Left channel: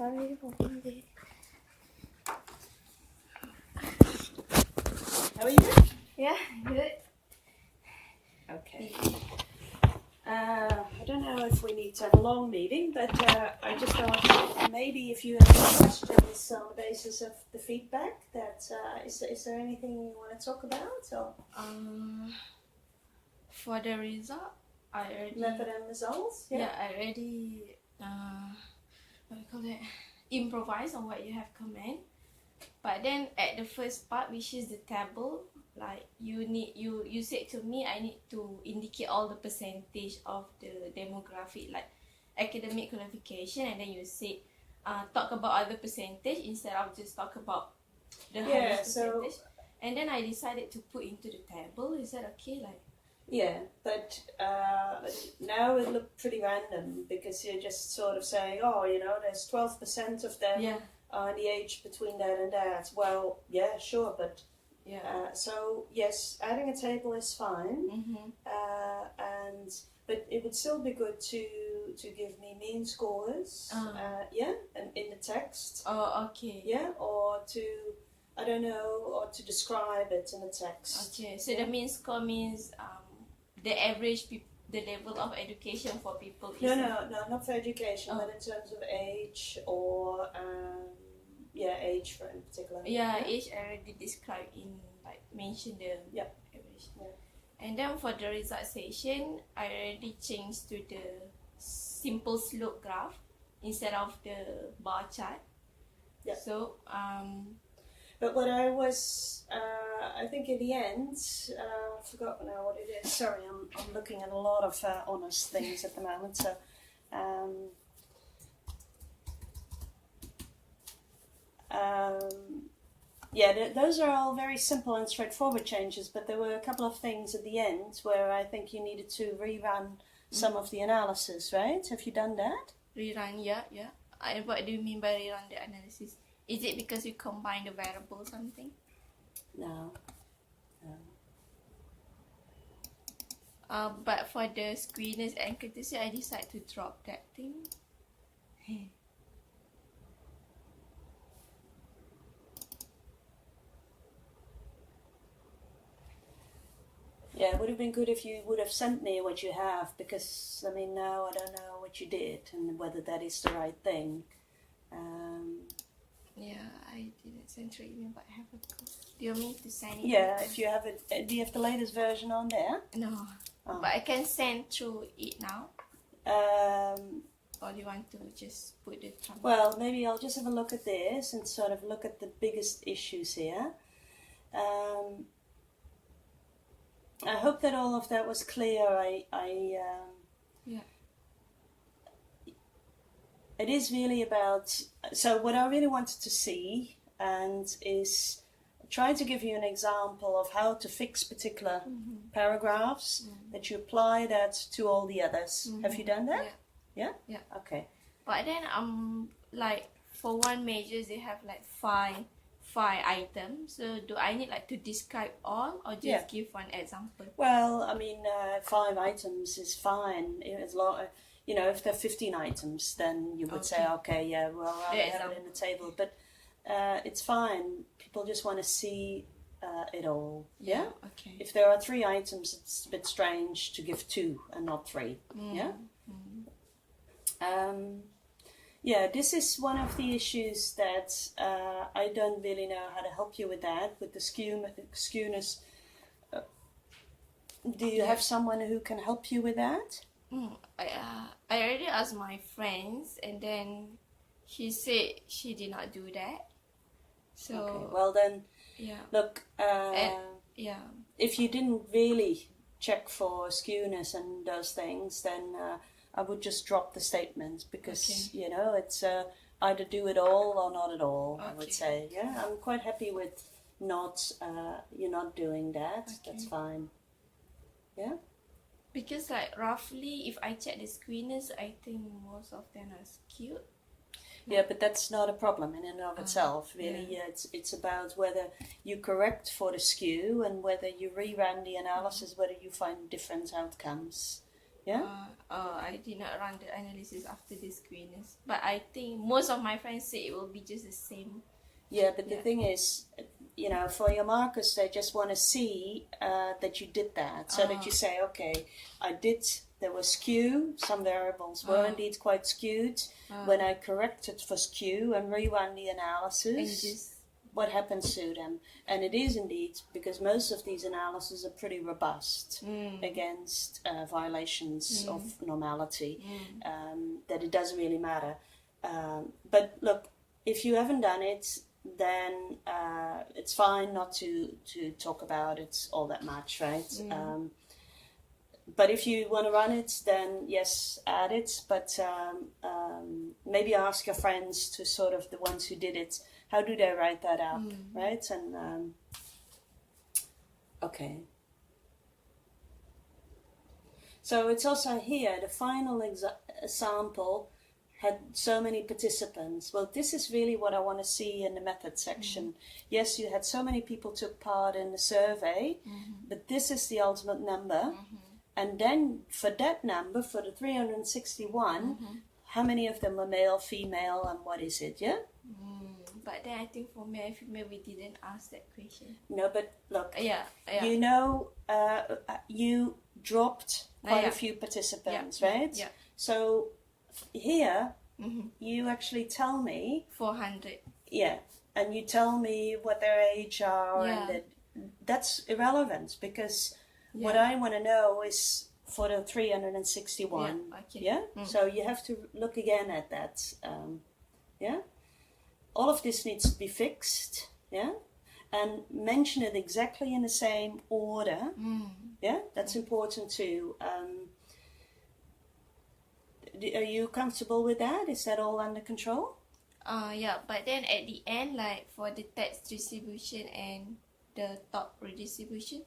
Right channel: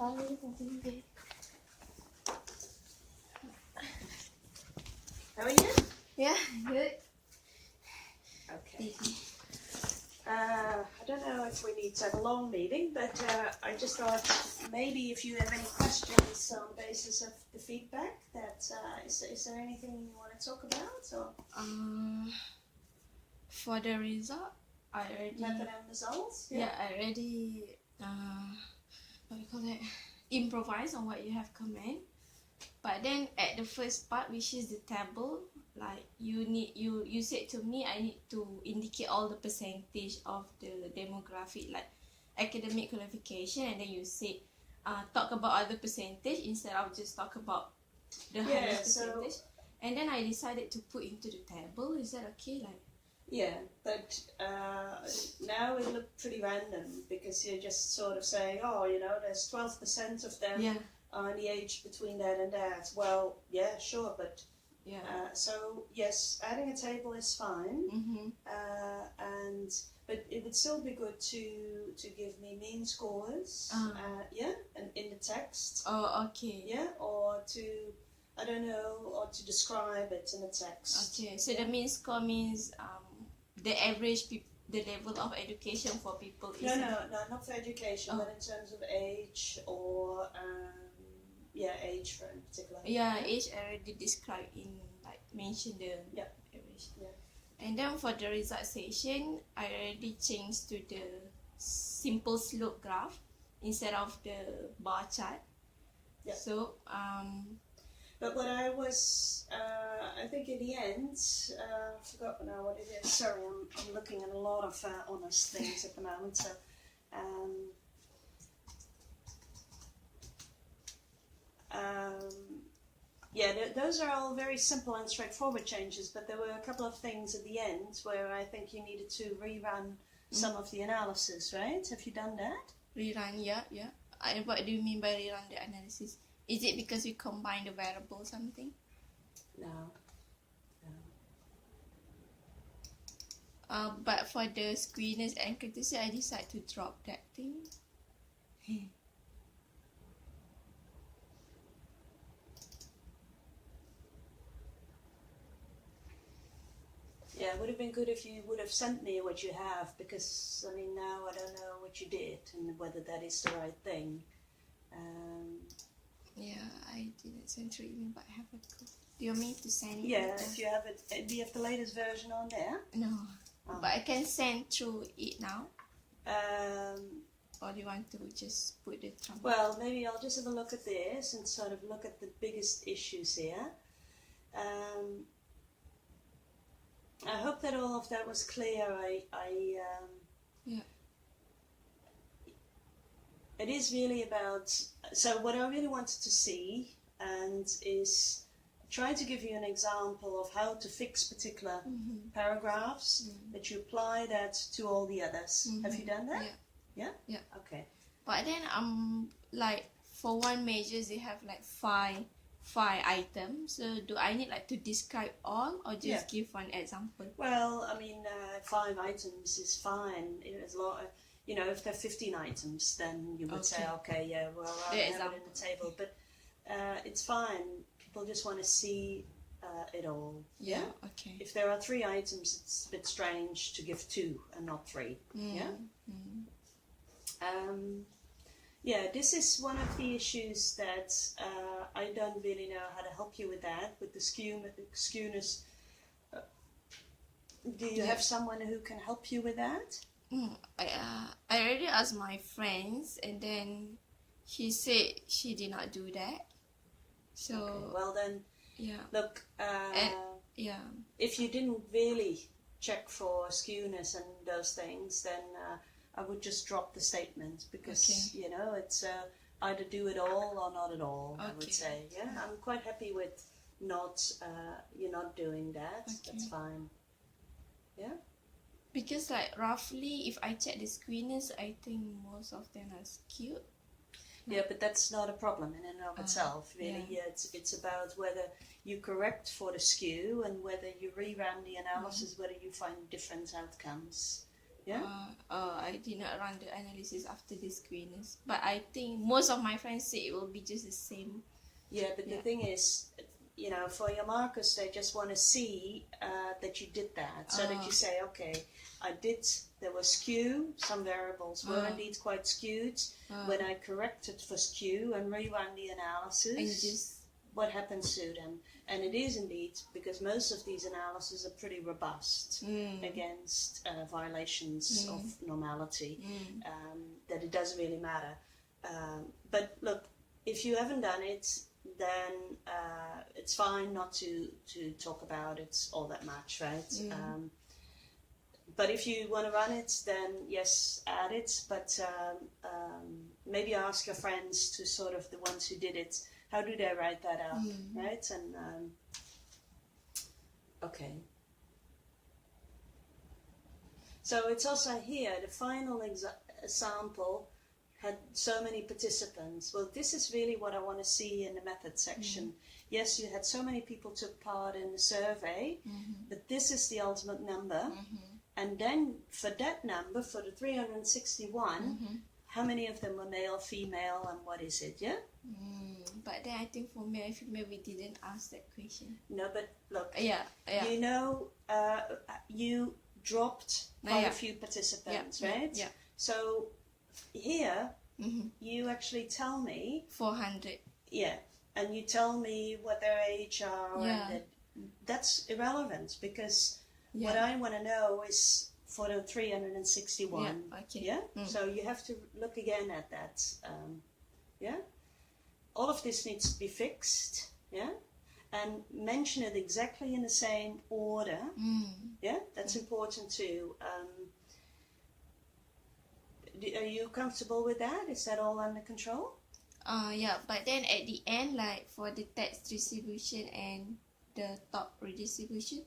Sorry for being late. How are you? Yeah, good. Okay. I don't know if we need to have a long meeting, but I just thought maybe if you have any questions on the basis of the feedback, is there anything you want to talk about? Or For the result, I already method and results? I already what do you call it? Improvise on what you have comment. But then at the first part, which is the table, like you said to me, I need to indicate all the percentage of the demographic, like academic qualification, and then you said talk about other percentage instead of just talk about the highest percentage. And then I decided to put into the table. Is that okay? Like, yeah, but now it looked pretty random because you're just sort of saying, oh, there's 12% of them. yeah, On the age between that and that. Well, yeah, sure, but yeah. so yes, adding a table is fine, but it would still be good to give me mean scores, and in the text, Oh, okay. or to I don't know, or to describe it in the text. Okay, so the mean score means the average the level of education for people is No, not for education, but in terms of age or age for in particular. Age already described in like mention the average. Yeah. And then for the result section, I already changed to the simple slope graph instead of the bar chart. Yeah. So But what I was, I think in the end, I forgot now what it is. Sorry, I'm looking at a lot of honest things at the moment. So, those are all very simple and straightforward changes. But there were a couple of things at the end where I think you needed to rerun some of the analysis. Right? Have you done that? Rerun, yeah. What do you mean by rerun the analysis? Is it because we combine the variable or something? No. But for the screeners and courtesy, I decided to drop that thing. Yeah, it would have been good if you would have sent me what you have, because I mean now I don't know what you did and whether that is the right thing. Yeah, I didn't send through email, but I have a copy. Do you want me to send it? Yeah, if you have it, do you have the latest version on there? No, but I can send through it now. Or do you want to just put the trumpet? Well, maybe I'll just have a look at this and sort of look at the biggest issues here. I hope that all of that was clear. It is really about, so what I really wanted to see and is trying to give you an example of how to fix particular paragraphs, that you apply that to all the others. Have you done that? Yeah? Okay. But then like for one majors they have like five items. So do I need like to describe all or just give one example? Well, I mean, 5 items is fine. As long, if there are 15 items, then you would say, okay, well, I have it in the table. But it's fine. People just want to see it all. Yeah? Okay. If there are 3 items, it's a bit strange to give 2 and not 3. Yeah? This is one of the issues that I don't really know how to help you with that, with the skewness. Do you have someone who can help you with that? I already asked my friends, and then she said she did not do that. So okay. Well then, look. If you didn't really check for skewness and those things, then I would just drop the statement, because it's either do it all or not at all. I would say, I'm quite happy with you're not doing that. That's fine. Yeah. Because like roughly, if I check the screeners, I think most of them are skewed. Yeah, but that's not a problem in and of itself, really. Yeah, it's about whether you correct for the skew and whether you rerun the analysis, whether you find different outcomes. Yeah. I did not run the analysis after the squareness, but I think most of my friends say it will be just the same. Yeah, but the thing is, for your markers, they just want to see that you did that, so that you say, okay, there was skew, some variables were indeed quite skewed. When I corrected for skew and rerun the analysis, what happens to them? And it is indeed, because most of these analyses are pretty robust against violations of normality, that it doesn't really matter. But look, if you haven't done it, then it's fine not to talk about it all that much, right? But if you want to run it, then yes, add it. But maybe ask your friends, to sort of the ones who did it, how do they write that up, right? And okay. So it's also here, the final sample had so many participants. Well, this is really what I want to see in the method section. Yes, you had so many people took part in the survey, but this is the ultimate number. And then for that number, for the 361, how many of them were male, female, and what is it, yeah? But then I think for male, female, we didn't ask that question. No, but look, yeah. You dropped quite a few participants, right? Yeah. So here, you actually tell me 400. Yeah, and you tell me what their age are, and that's irrelevant, because what I want to know is for the 361. Yeah. So you have to look again at that. All of this needs to be fixed. Yeah. And mention it exactly in the same order. Yeah, that's important too. Are you comfortable with that? Is that all under control? Yeah, but then at the end, like for the text distribution and the top redistribution,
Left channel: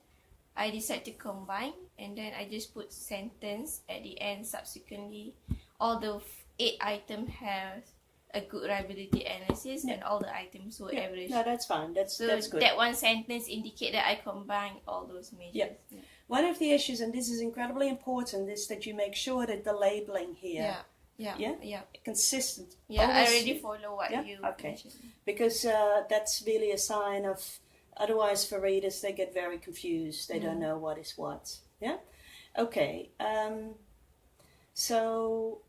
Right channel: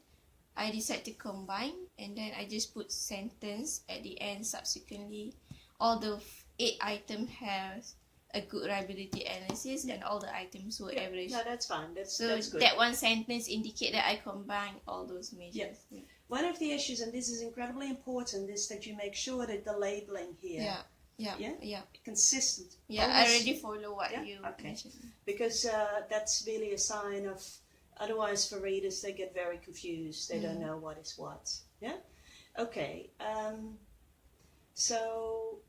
I decide to combine, and then I just put sentence at the end. Subsequently, all the 8 items has a good reliability analysis, and all the items were average. No, that's fine. That's good. That one sentence indicate that I combine all those measures. Yeah. One of the issues, and this is incredibly important, is that you make sure that the labeling here, consistent. Yeah, I already follow what you mentioned. Because that's really a sign of. Otherwise, for readers, they get very confused. They don't know what is what. Yeah. Okay. So.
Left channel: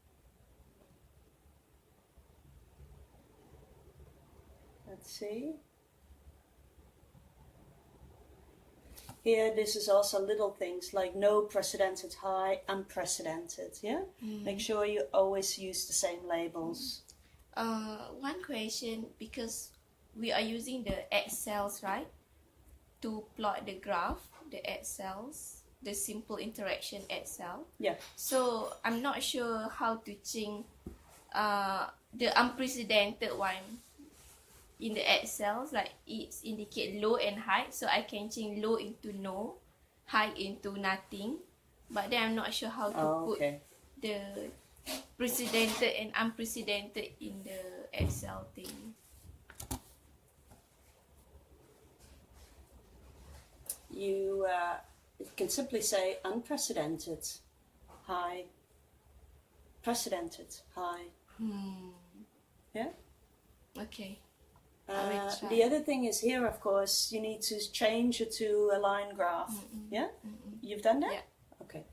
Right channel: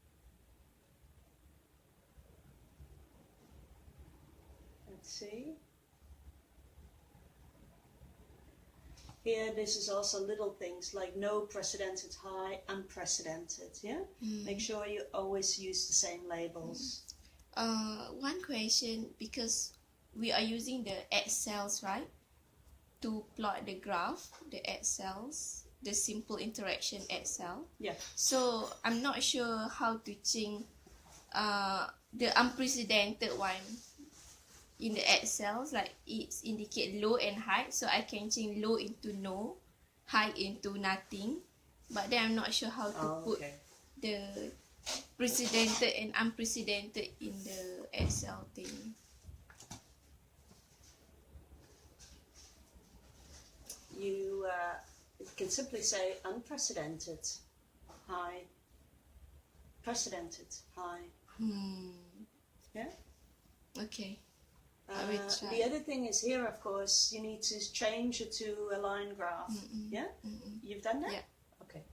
Let's see. Here, this is also little things like no precedented high, unprecedented. Yeah. Make sure you always use the same labels. One question, because we are using the Excels, right, to plot the graph, the Excels, the simple interaction Excel. Yeah. So I'm not sure how to change the unprecedented one in the Excels, like it's indicate low and high, so I can change low into no, high into nothing, but then I'm not sure how to put the precedented and unprecedented in the Excel thing. You can simply say unprecedented, high, precedented, high. Yeah? Okay. The other thing is here, of course, you need to change it to a line graph. Yeah? You've done that? Yeah. Okay.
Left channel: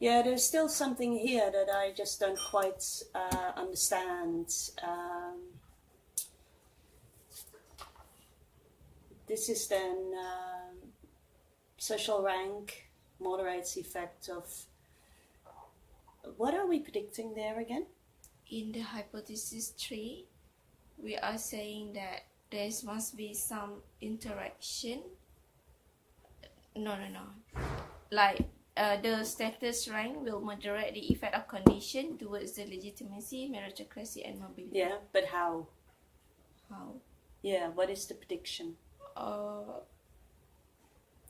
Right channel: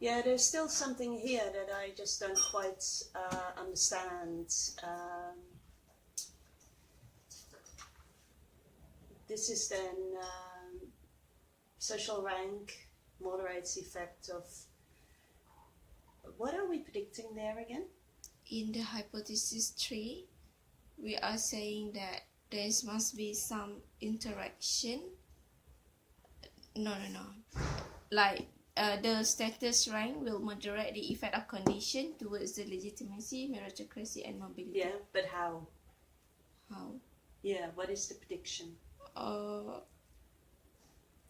Yeah, there's still something here that I just don't quite understand. This is then social rank moderates effect of. What are we predicting there again? In the hypothesis 3, we are saying that there must be some interaction. No. Like the status rank will moderate the effect of condition towards the legitimacy, meritocracy, and mobility. Yeah, but how? How? Yeah, what is the prediction?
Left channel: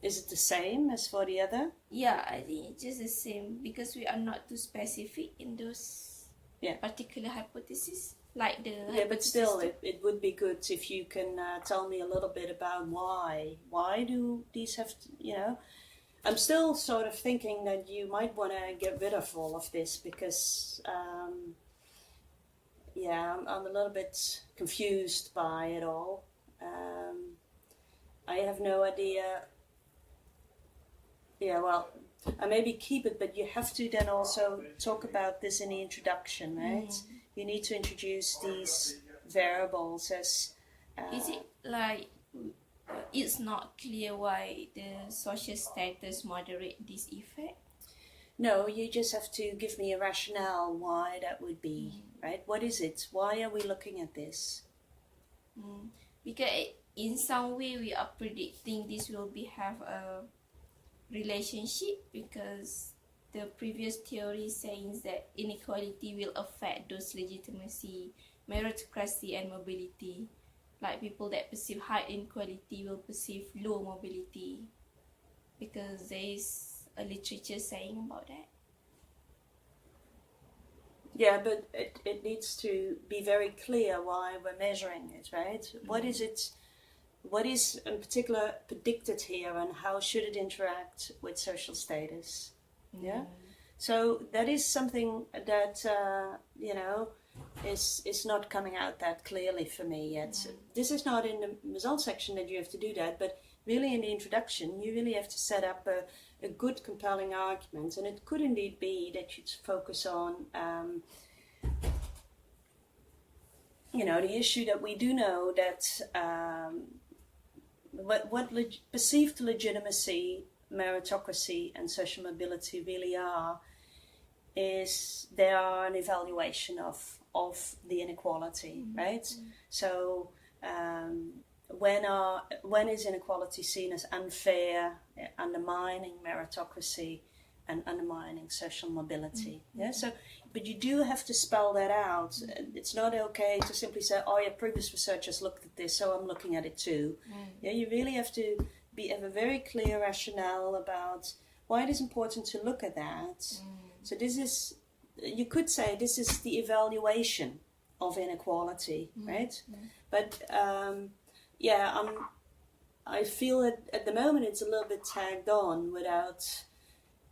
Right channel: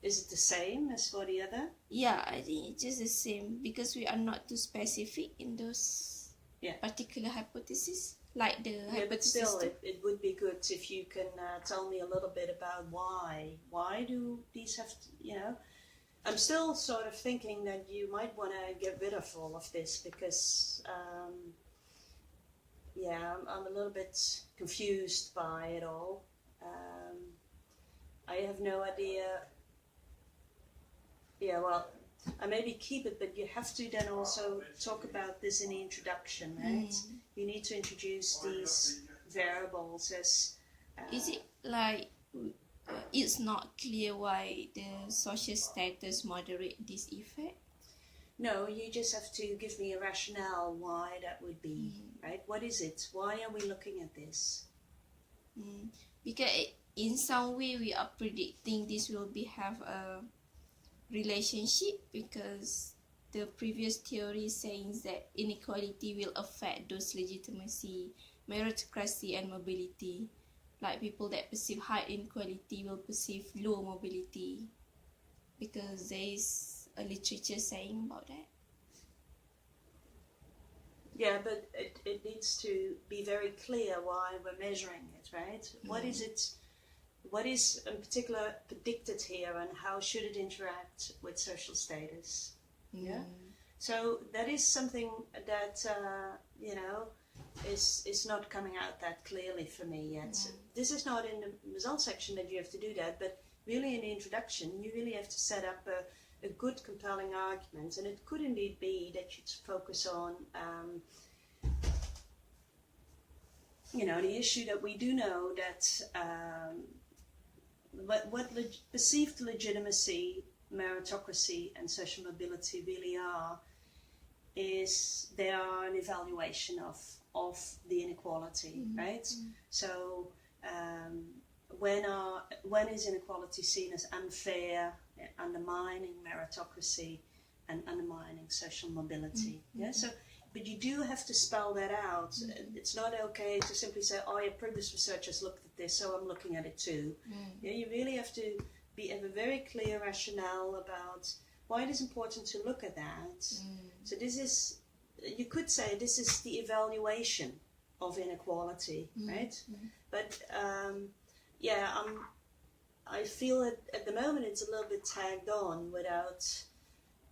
Is it the same as for the other? Yeah, I think it's just the same because we are not too specific in those particular hypotheses. like the Yeah, but still, system. it would be good if you can tell me a little bit about why. Why do these have to, you know? I'm still sort of thinking that you might want to get rid of all of this because, yeah, I'm a little bit confused by it all. I have no idea. Yeah, well, I maybe keep it, but you have to then also talk about this in the introduction, right? You need to introduce these variables as... Is it like it's not clear why the social status moderate this effect? No, you just have to give me a rationale why that would be, right? What is it? Why are we looking at this? Because in some way we are predicting this will have a relationship, because the previous theory saying that inequality will affect those legitimacy, meritocracy and mobility. Like people that perceive high inequality will perceive low mobility, because there is a literature saying about that. Yeah, but it needs to be very clear why we're measuring it, right? What is it? What is in particular predicted here, and how should it interact with social status? Yeah. So that is something that you know is not coming out that clearly for me yet. This is not in the results section that you have to do that, but really in the introduction, you really have to set up a good, compelling argument, and it could indeed be that you focus on. You know, the issue that we do know that what perceived legitimacy, meritocracy and social mobility really are is they are an evaluation of the inequality, right? So when is inequality seen as unfair, undermining meritocracy and undermining social mobility? Yeah, so but you do have to spell that out. It's not okay to simply say, oh yeah, previous researchers looked at this, so I'm looking at it too. Yeah, you really have to have a very clear rationale about why it is important to look at that. So this is, you could say this is the evaluation of inequality, right? But yeah, I feel that at the moment it's a little bit tagged on without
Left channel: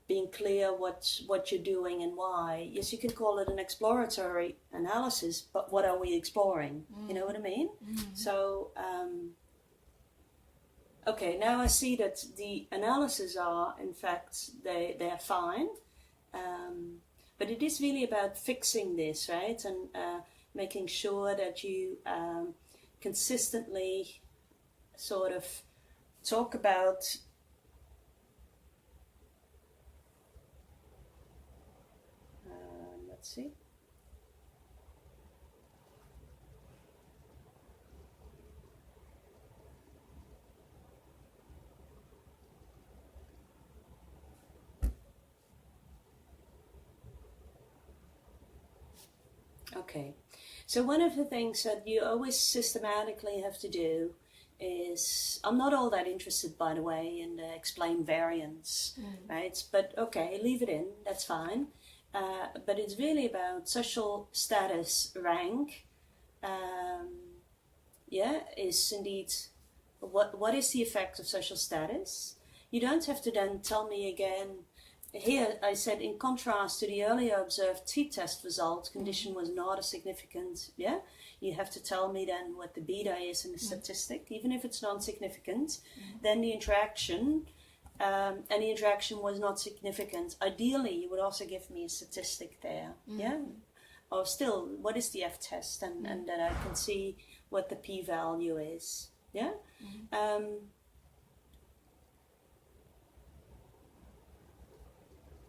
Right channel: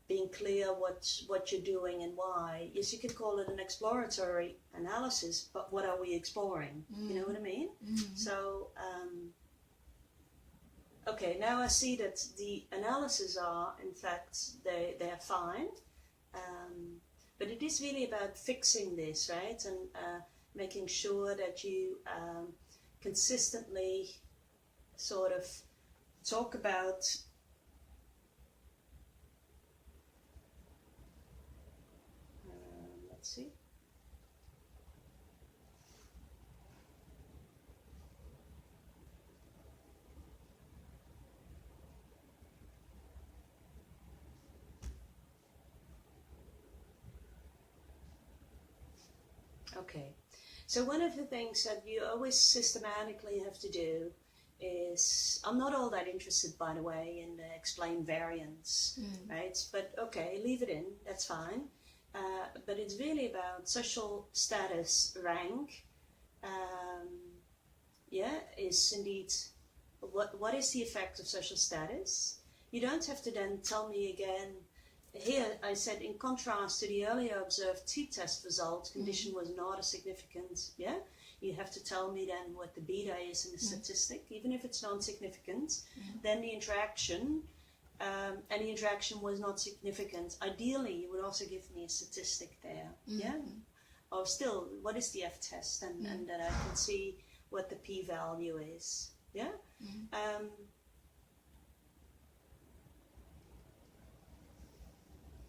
being clear what you're doing and why. Yes, you could call it an exploratory analysis, but what are we exploring? You know what I mean? So, okay, now I see that the analyses are, in fact, they're fine, but it is really about fixing this, right? And making sure that you consistently sort of talk about let's see. Okay, so one of the things that you always systematically have to do is, I'm not all that interested, by the way, in the explain variance, right? But okay, leave it in, that's fine. But it's really about social status rank. Yeah, is indeed what is the effect of social status? You don't have to then tell me again. Here I said, in contrast to the earlier observed t-test result, condition was not a significant. Yeah, you have to tell me then what the beta is in the statistic, even if it's non-significant. Then the interaction. And the interaction was not significant. Ideally, you would also give me a statistic there, yeah? Or still, what is the f-test? And that I can see what the p-value is, yeah?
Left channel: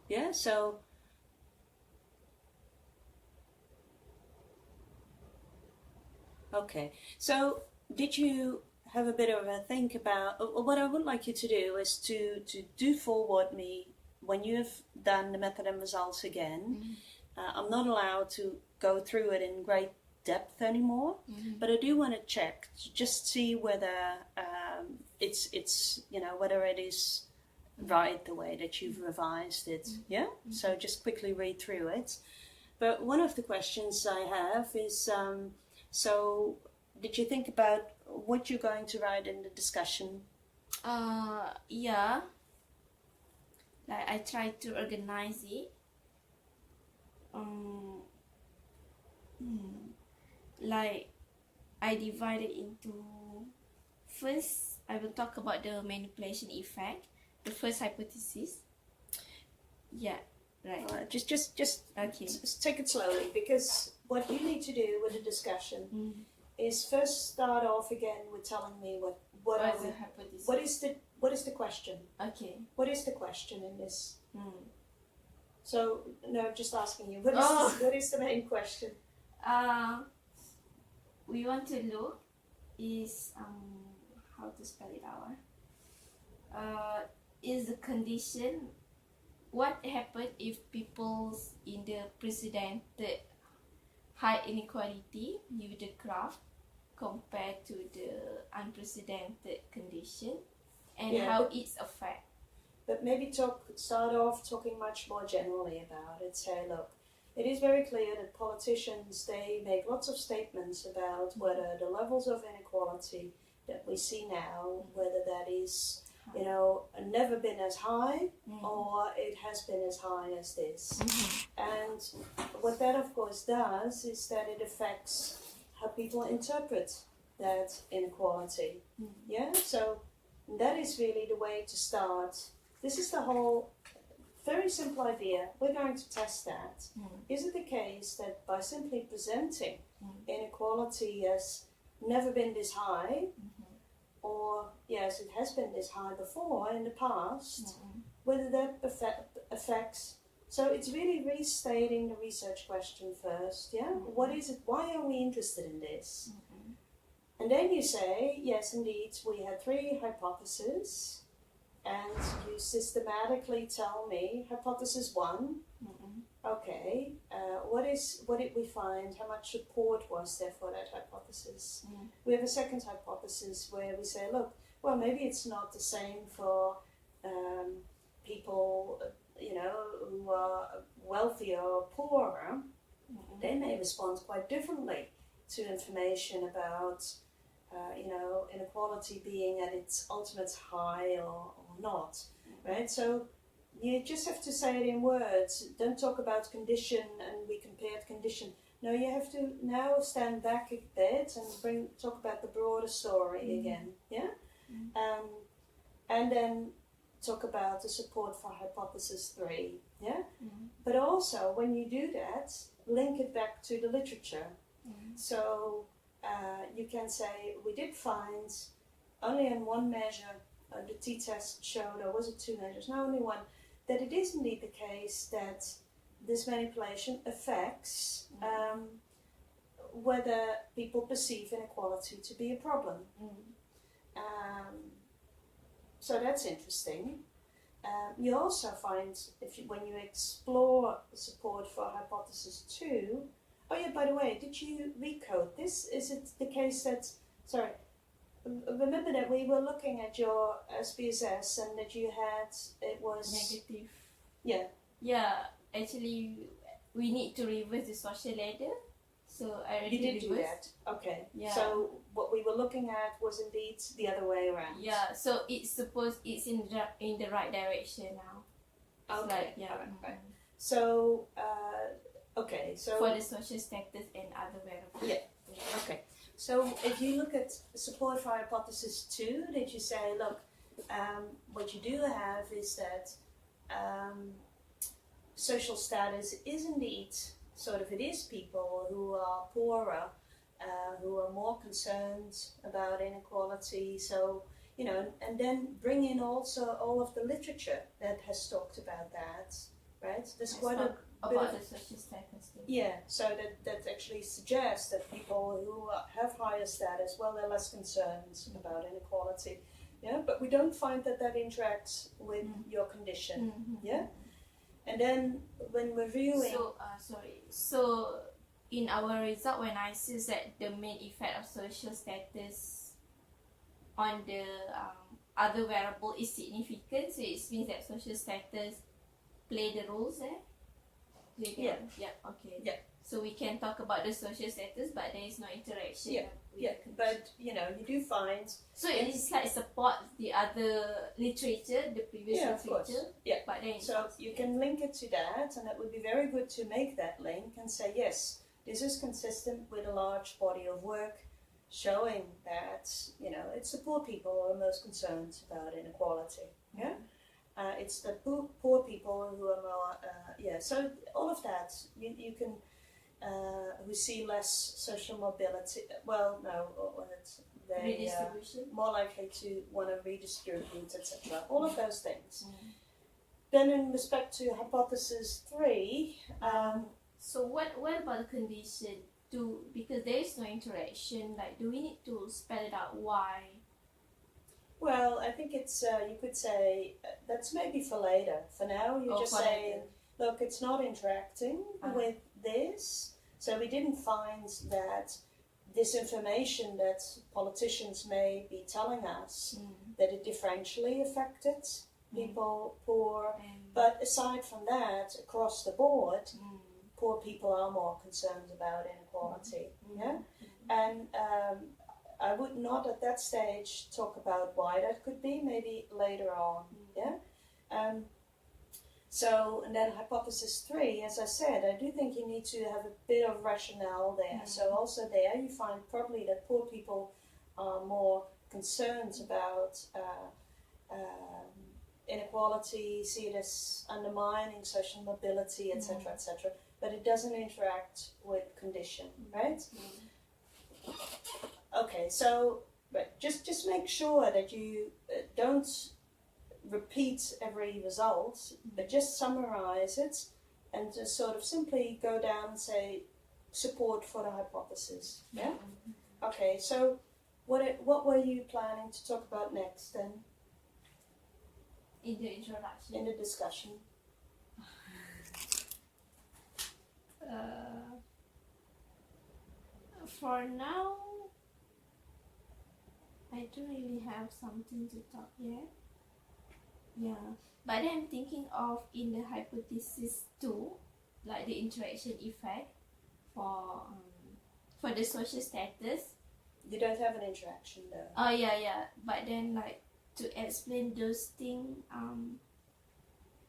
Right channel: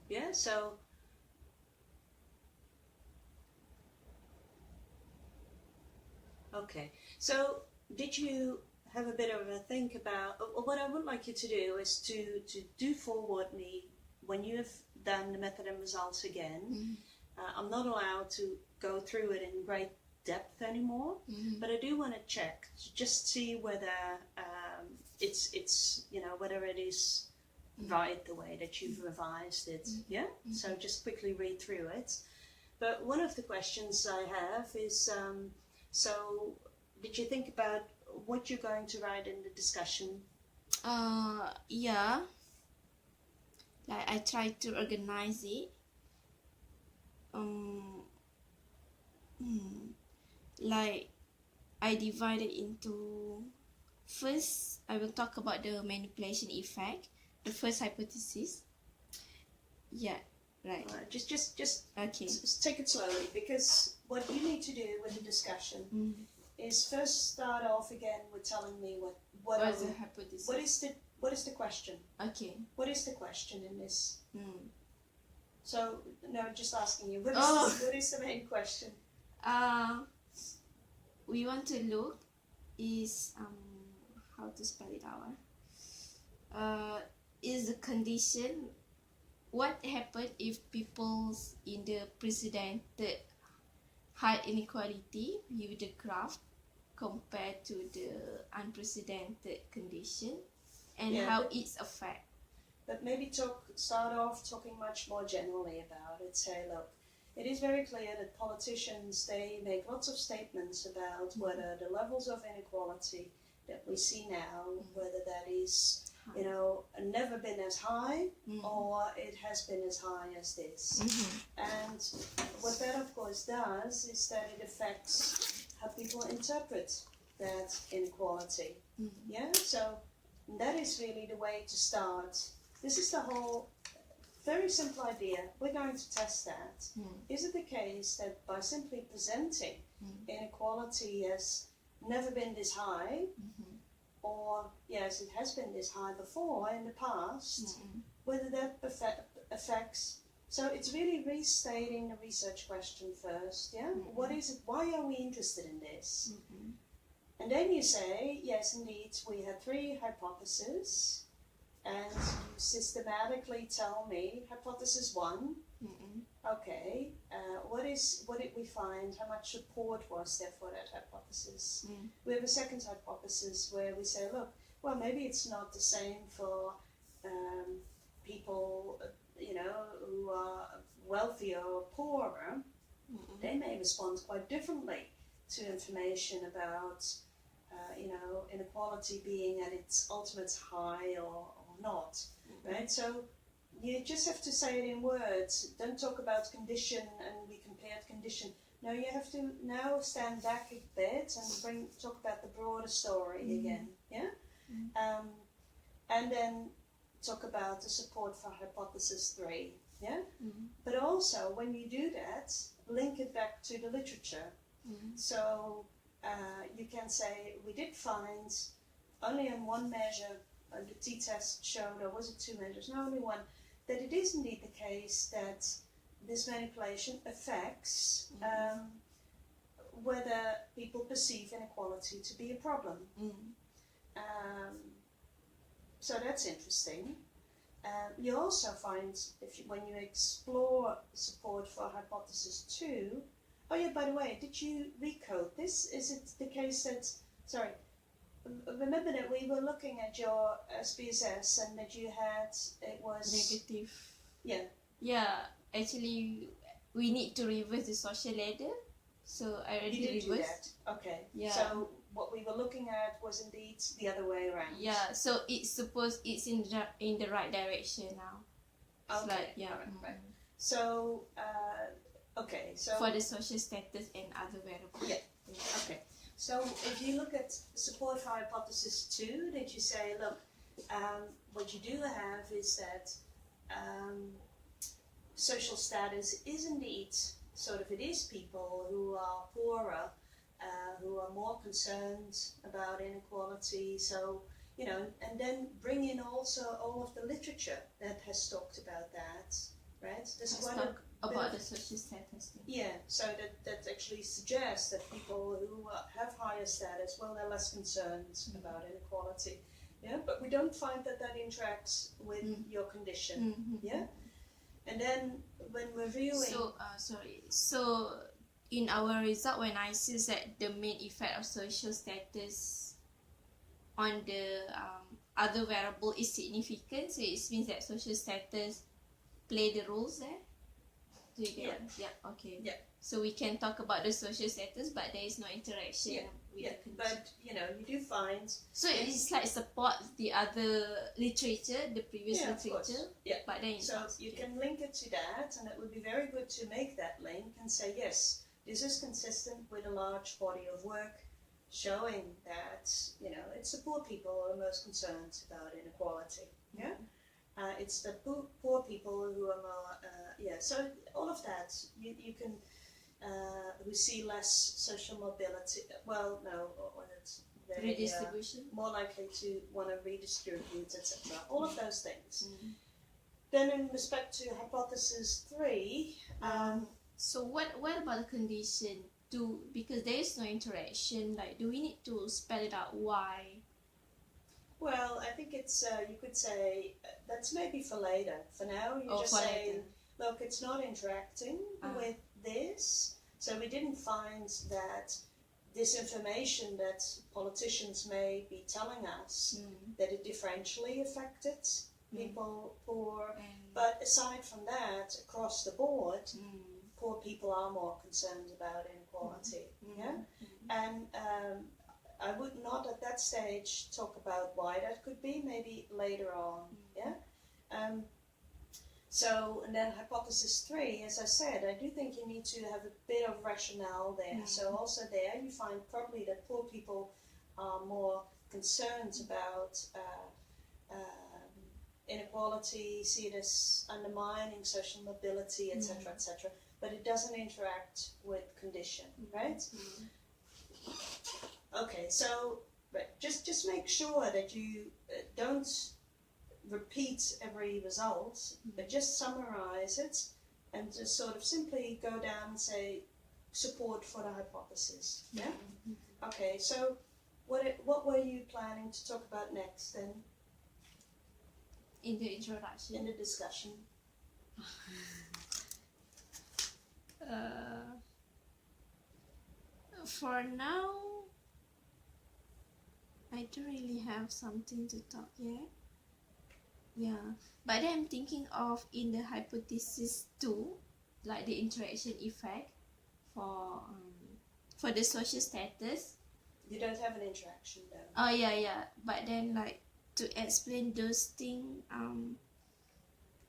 Yeah, so... Okay, so did you have a bit of a think about, what I would like you to do is to do forward me when you have done the method and results again. I'm not allowed to go through it in great depth anymore, but I do want to check to just see whether it's you know, whether it is right the way that you've revised it. Yeah, so just quickly read through it. But one of the questions I have is, so did you think about what you're going to write in the discussion? Yeah. Like I try to organize it. Like I divide it into, first I will talk about the manipulation effect, the first hypothesis. Yeah, right. Just Okay. take it slowly, because what you need to do with the discussion is first start off again with telling me what is the hypothesis? What is the question? Okay. What is the question in this? So no, just asking you. What is the main question? We want to look is how to spell it out. Is the condition, what happened if people in the precedented high inequality with the graph compared to the unprecedented condition, and how it's affect. But maybe start off talking much more generally about it. Say, look, it is very clear that politicians, they make lots of statements about whether the levels of inequality that we see now, whether that is, you know, never been as high or it has been as high as this. And what that of course does is that it affects how people interpret that inequality. Yeah, so that is really the way to start. This is the whole very simple idea. We're going to test that. Is it the case that by simply presenting inequality as never been this high, or yes, it has been this high before in the past, whether that affects. So it's really restating the research question first. Yeah, what is it? Why are we interested in this? And then you say, yes, indeed, we had 3 hypotheses. And you systematically tell me hypothesis 1. Okay, what did we find? How much support was there for that hypothesis? We have a second hypothesis where we say, look, well, maybe it's not the same for people, you know, who are wealthier or poorer. They may respond quite differently to information about, you know, inequality being at its ultimate high or not, right? So you just have to say it in words. Don't talk about condition and we compared condition. No, you have to now stand back a bit and talk about the broader story again, yeah? And then talk about the support for hypothesis 3, yeah? But also, when you do that, link it back to the literature. So you can say, we did find only in one measure, the t-test showed, or was it 2 measures? No, only one, that it is indeed the case that this manipulation affects whether people perceive inequality to be a problem. So that's interesting. You also find, when you explore support for hypothesis 2, oh yeah, by the way, did you recode this? Is it the case that, sorry, remember that we were looking at your SPSS and that you had, it was negative. Yeah. Yeah, actually, we need to reverse the social ladder. So I already You did reversed. do that. Okay. Yeah. So what we were looking at was indeed the other way around. Yeah. So it's in the right direction now. Okay. Like, yeah. Right. So okay. So for the social status and other variables. Yeah. Okay. So if you look at support for hypothesis 2, that you say, look, what you do have is that social status is indeed sort of, it is people who are poorer, who are more concerned about inequality. So, you know, and then bring in also all of the literature that has talked about that, right? There's quite a about the social status thing. Yeah, so that actually suggests that people who have higher status, well, they're less concerned about inequality. Yeah, but we don't find that interacts with your condition. Yeah, and then when reviewing. So in our result, when I see that the main effect of social status on the other variable is significant, so it means that social status play the roles there. Do you get it? Yeah. Okay. Yeah. So we can talk about the social status, but there is no interaction. Yeah. With Yeah, the condition. but you know, you do find. So it's like support the other literature, the previous Yeah, of course. literature. Yeah. But then So you can link it to that, and it would be very good to make that link and say, yes, this is consistent with a large body of work showing that, you know, it's the poor people who are most concerned about inequality. Yeah. It's the poor people who are more, so all of that, you can, who see less social mobility, well, no, they redistribution. more likely to want to redistribute, etc. All of those things. Then in respect to hypothesis 3, so what about the condition? Because there is no interaction, like do we need to spell it out why? well, I think it's, you could say, that's maybe for later. For now, you're just saying, look, it's not interacting with this. So we didn't find that this information that politicians may be telling us, that it differentially affected people poor. But aside from that, across the board, poor people are more concerned about inequality. Yeah? And I would not at that stage talk about why that could be, maybe later on. Yeah. So, and then hypothesis 3, as I said, I do think you need to have a bit of rationale there. So also there you find probably that poor people are more concerned about inequality, see it as undermining social mobility, etc., etc. But it doesn't interact with condition, right? Okay, so just make sure that you don't repeat every result, but just summarize it and just sort of simply go down and say support for the hypothesis. Yeah? Okay, so what were you planning to talk about next then? In the introduction. In the discussion. For now, I don't really have something to talk yet. Yeah, but then I'm thinking of in the hypothesis 2, like the interaction effect for the social status. You don't have an interaction though. Oh yeah. But then like to explain those things,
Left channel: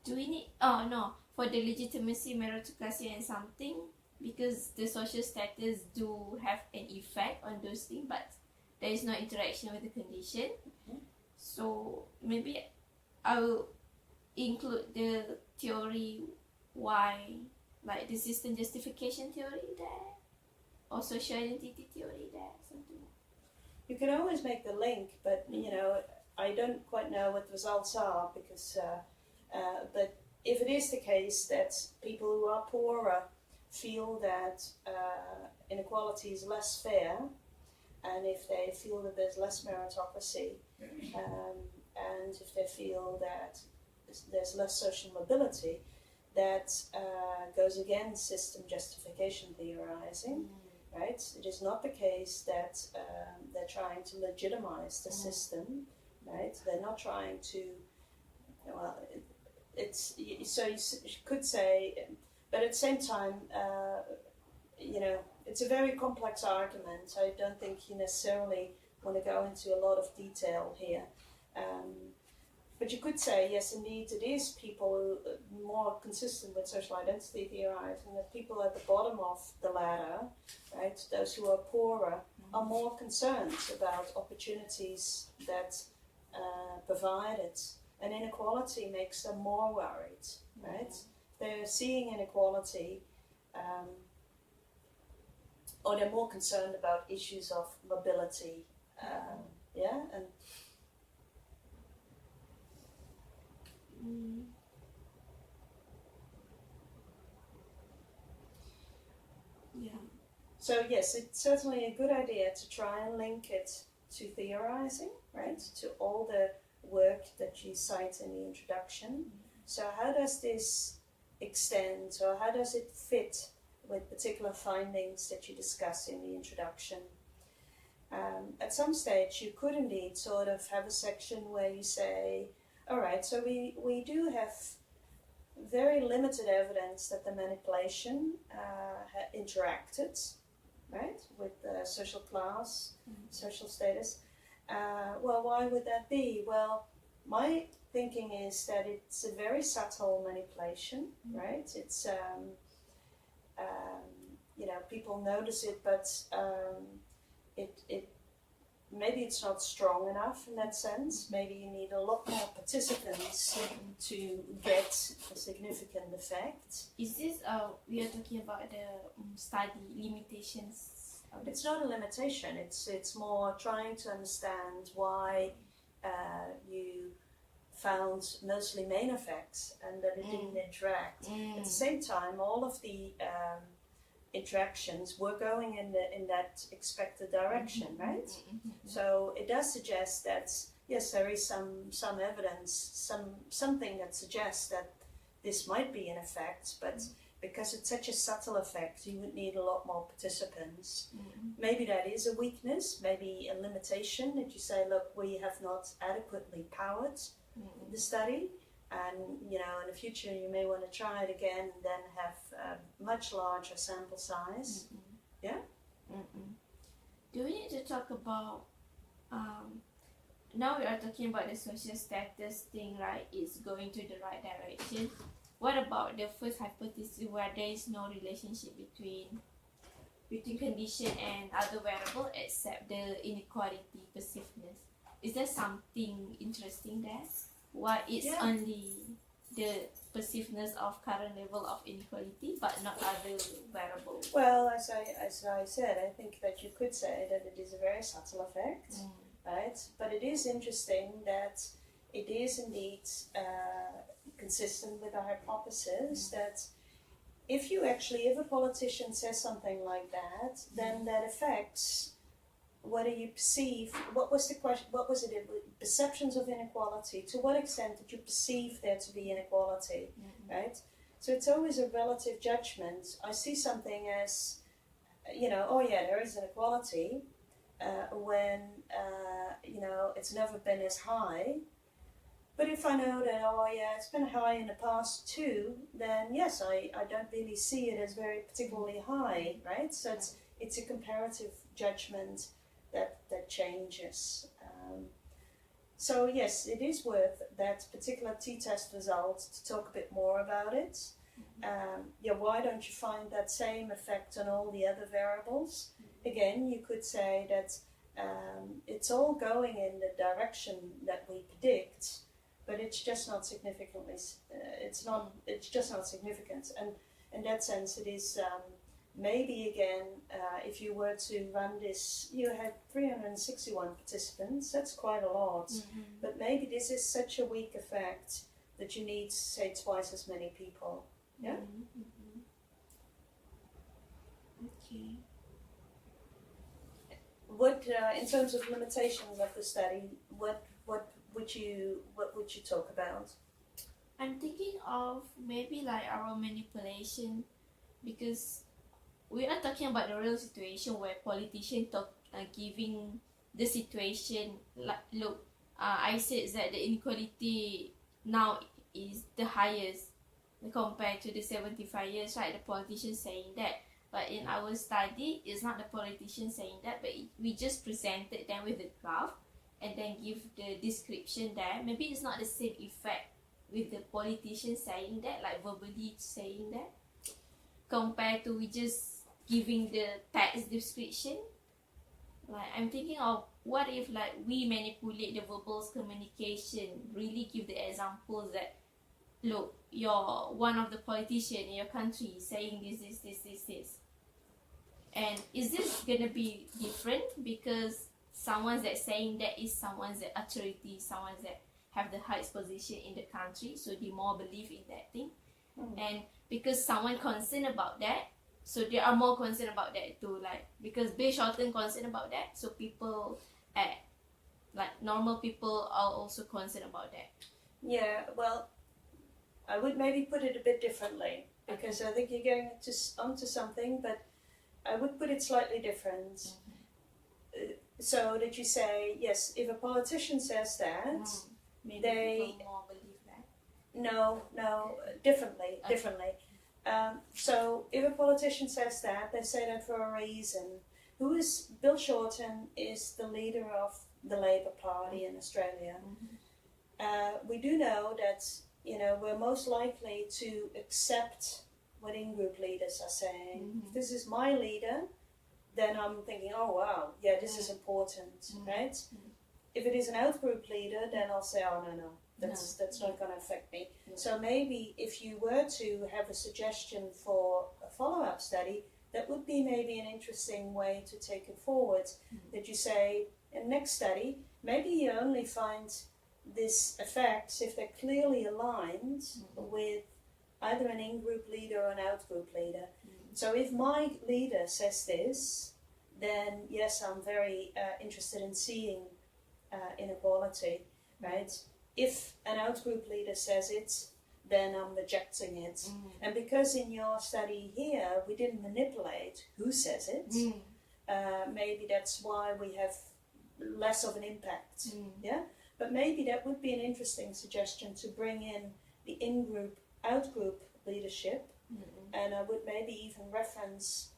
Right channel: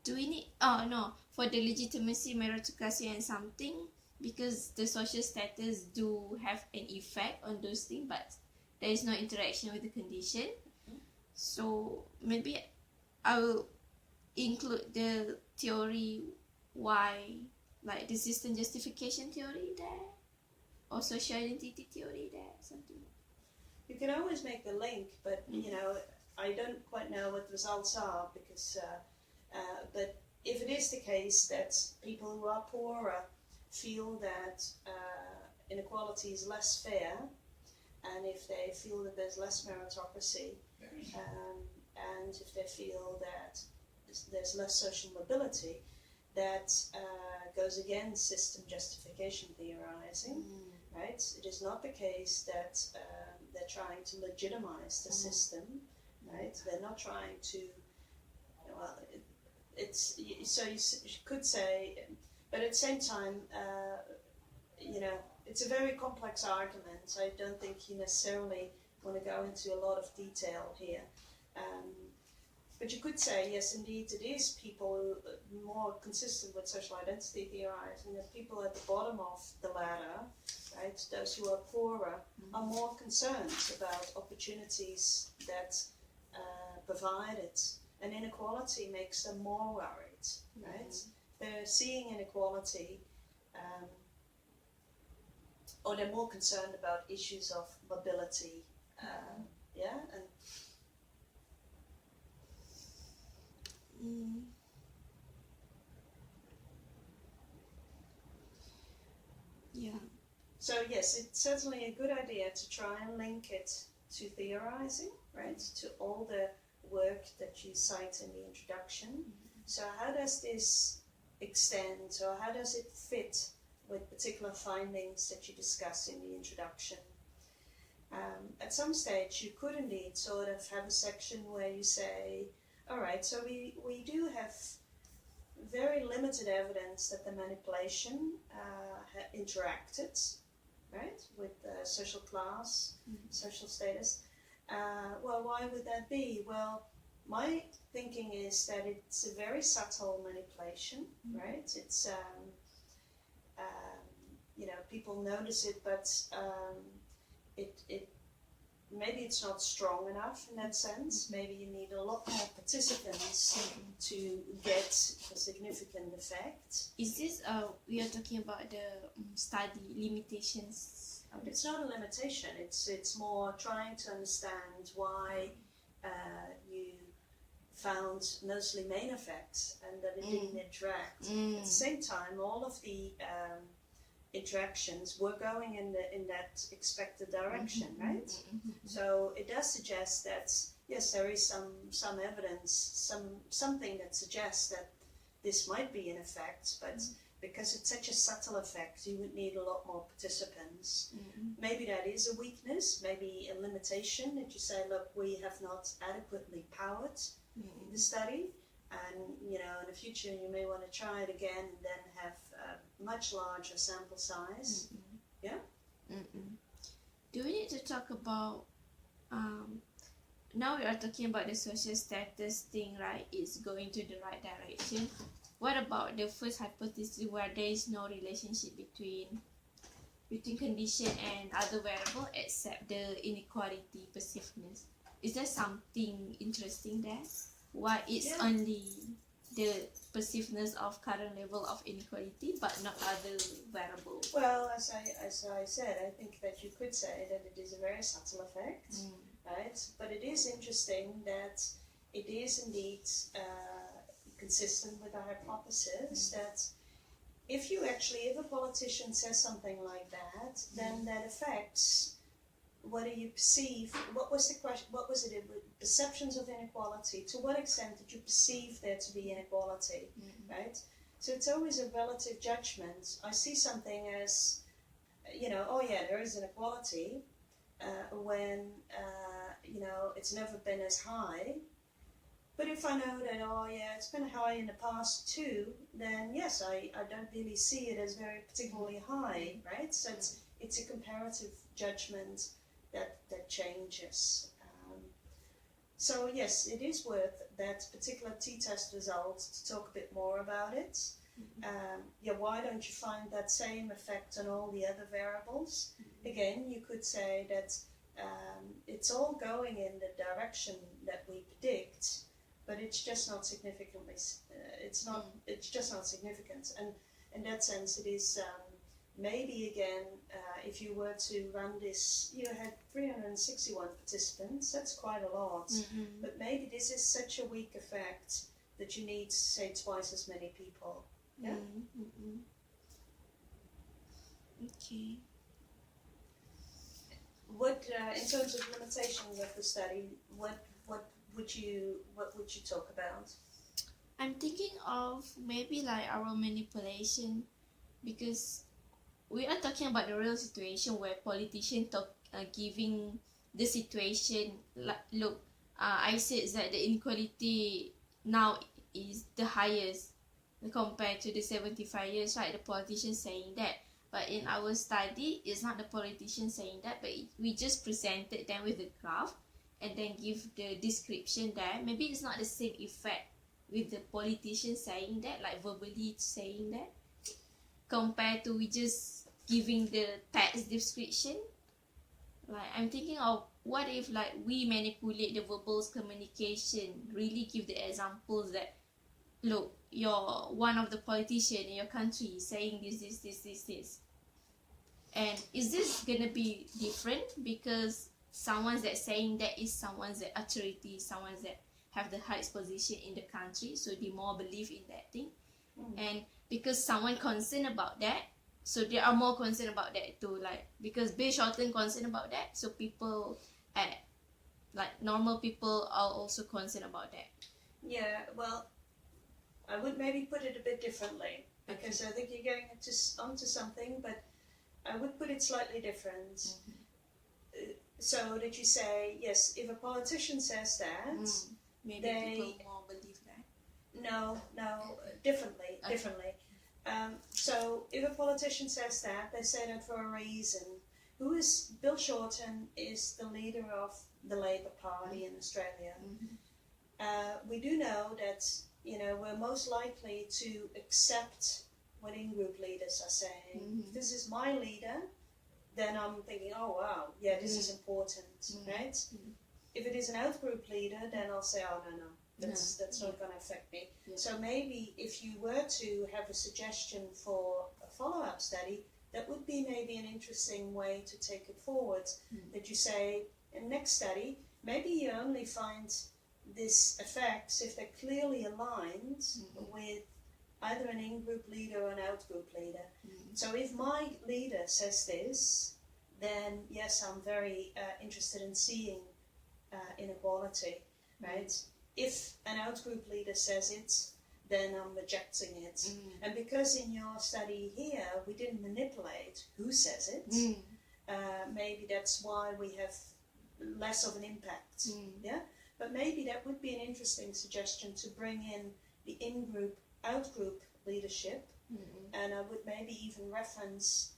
do we need? Oh no, for the legitimacy, meritocracy, and something, because the social status do have an effect on those things, but there is no interaction with the condition. So maybe I will include the theory why, like the system justification theory there, or social identity theory there, something. You can always make the link, but you know, I don't quite know what the results are because, but if it is the case that people who are poorer feel that inequality is less fair, and if they feel that there's less meritocracy, and if they feel that there's less social mobility, that goes against system justification theorizing, right? It is not the case that they're trying to legitimize the system, right? They're not trying to, well, it's, so you could say, but at the same time, you know, it's a very complex argument. I don't think you necessarily want to go into a lot of detail here. But you could say, yes, indeed, it is people who more consistent with social identity theorizing, that people at the bottom of the ladder, right, those who are poorer, are more concerned about opportunities that provided, and inequality makes them more worried, right? They're seeing inequality, or they're more concerned about issues of mobility, yeah, and yeah. So yes, it's certainly a good idea to try and link it to theorizing, right? To all the work that you cite in the introduction. So how does this extend, or how does it fit with particular findings that you discuss in the introduction? At some stage, you could indeed sort of have a section where you say, all right, so we do have very limited evidence that the manipulation interacted, right, with social class, social status. Well, why would that be? Well, my thinking is that it's a very subtle manipulation, right? It's you know, people notice it, but it maybe it's not strong enough in that sense. Maybe you need a lot more participants to get a significant effect. Is this we are talking about the study limitations? It's not a limitation. It's more trying to understand why you found mostly main effects and that it didn't interact. At the same time, all of the interactions were going in that expected direction, right? So it does suggest that yes, there is some evidence, something that suggests that this might be an effect, but because it's such a subtle effect, you would need a lot more participants. Maybe that is a weakness, maybe a limitation that you say, look, we have not adequately powered the study. And, you know, in the future you may want to try it again and then have a much larger sample size. Yeah? Do we need to talk about, now we are talking about the social status thing, right? It's going to the right direction. What about the first hypothesis where there is no relationship between condition and other variable except the inequality perceivedness? Is there something interesting there? Why it's only the perceivedness of current level of inequality but not other variables? Well, as I said, I think that you could say that it is a very subtle effect, right? But it is interesting that it is indeed consistent with our hypothesis that if a politician says something like that, then that affects whether you perceive, what was the question, what was it, perceptions of inequality, to what extent did you perceive there to be inequality, right? So it's always a relative judgment. I see something as, you know, oh yeah, there is inequality, when, you know, it's never been as high. But if I know that, oh yeah, it's been high in the past too, then yes, I don't really see it as very particularly high, right? So it's a comparative judgment that changes. So yes, it is worth that particular t-test result to talk a bit more about it. Yeah, why don't you find that same effect on all the other variables? Again, you could say that it's all going in the direction that we predict, but it's just not significantly. It's just not significant, and in that sense, it is. Maybe again, if you were to run this, you had 361 participants, that's quite a lot, but maybe this is such a weak effect that you need, say, twice as many people. Yeah? Okay. What, in terms of limitations of the study, what would you talk about? I'm thinking of maybe like our manipulation, because we are talking about the real situation where politicians giving the situation like, look, I said that the inequality now is the highest compared to the 75 years, right? The politician saying that. But in our study, it's not the politician saying that, but we just presented them with the graph and then give the description there. Maybe it's not the same effect with the politician saying that, like verbally saying that, compared to we just giving the text description. Like I'm thinking of what if like we manipulate the verbal communication, really give the examples that, look, you're one of the politicians in your country saying this. And is this gonna be different because someone that's saying that is someone that authority, someone that have the highest position in the country, so they more believe in that thing. And because someone concerned about that, so they are more concerned about that too, like because Bill Shorten concerned about that, so people like normal people are also concerned about that. Yeah, well, I would maybe put it a bit differently, because I think you're going onto something, but I would put it slightly different. So that you say, yes, if a politician says that, maybe they people more believe that. No, differently. So if a politician says that, they say that for a reason. Bill Shorten is the leader of the Labour Party in Australia. We do know that, we're most likely to accept what in-group leaders are saying. If this is my leader, then I'm thinking, oh wow, yeah, this is important, right? If it is an out-group leader, then I'll say, oh no, that's not going to affect me. Yeah. So maybe if you were to have a suggestion for a follow-up study, that would be maybe an interesting way to take it forward. That you say, in next study, maybe you only find these effects if they're clearly aligned with either an in-group leader or an out-group leader. So if my leader says this, then yes, I'm very interested in seeing inequality, right? If an out-group leader says it, then I'm rejecting it. And because in your study here, we didn't manipulate who says it, maybe that's why we have less of an impact, yeah? But maybe that would be an interesting suggestion to bring in the in-group, out-group leadership, and I would maybe even reference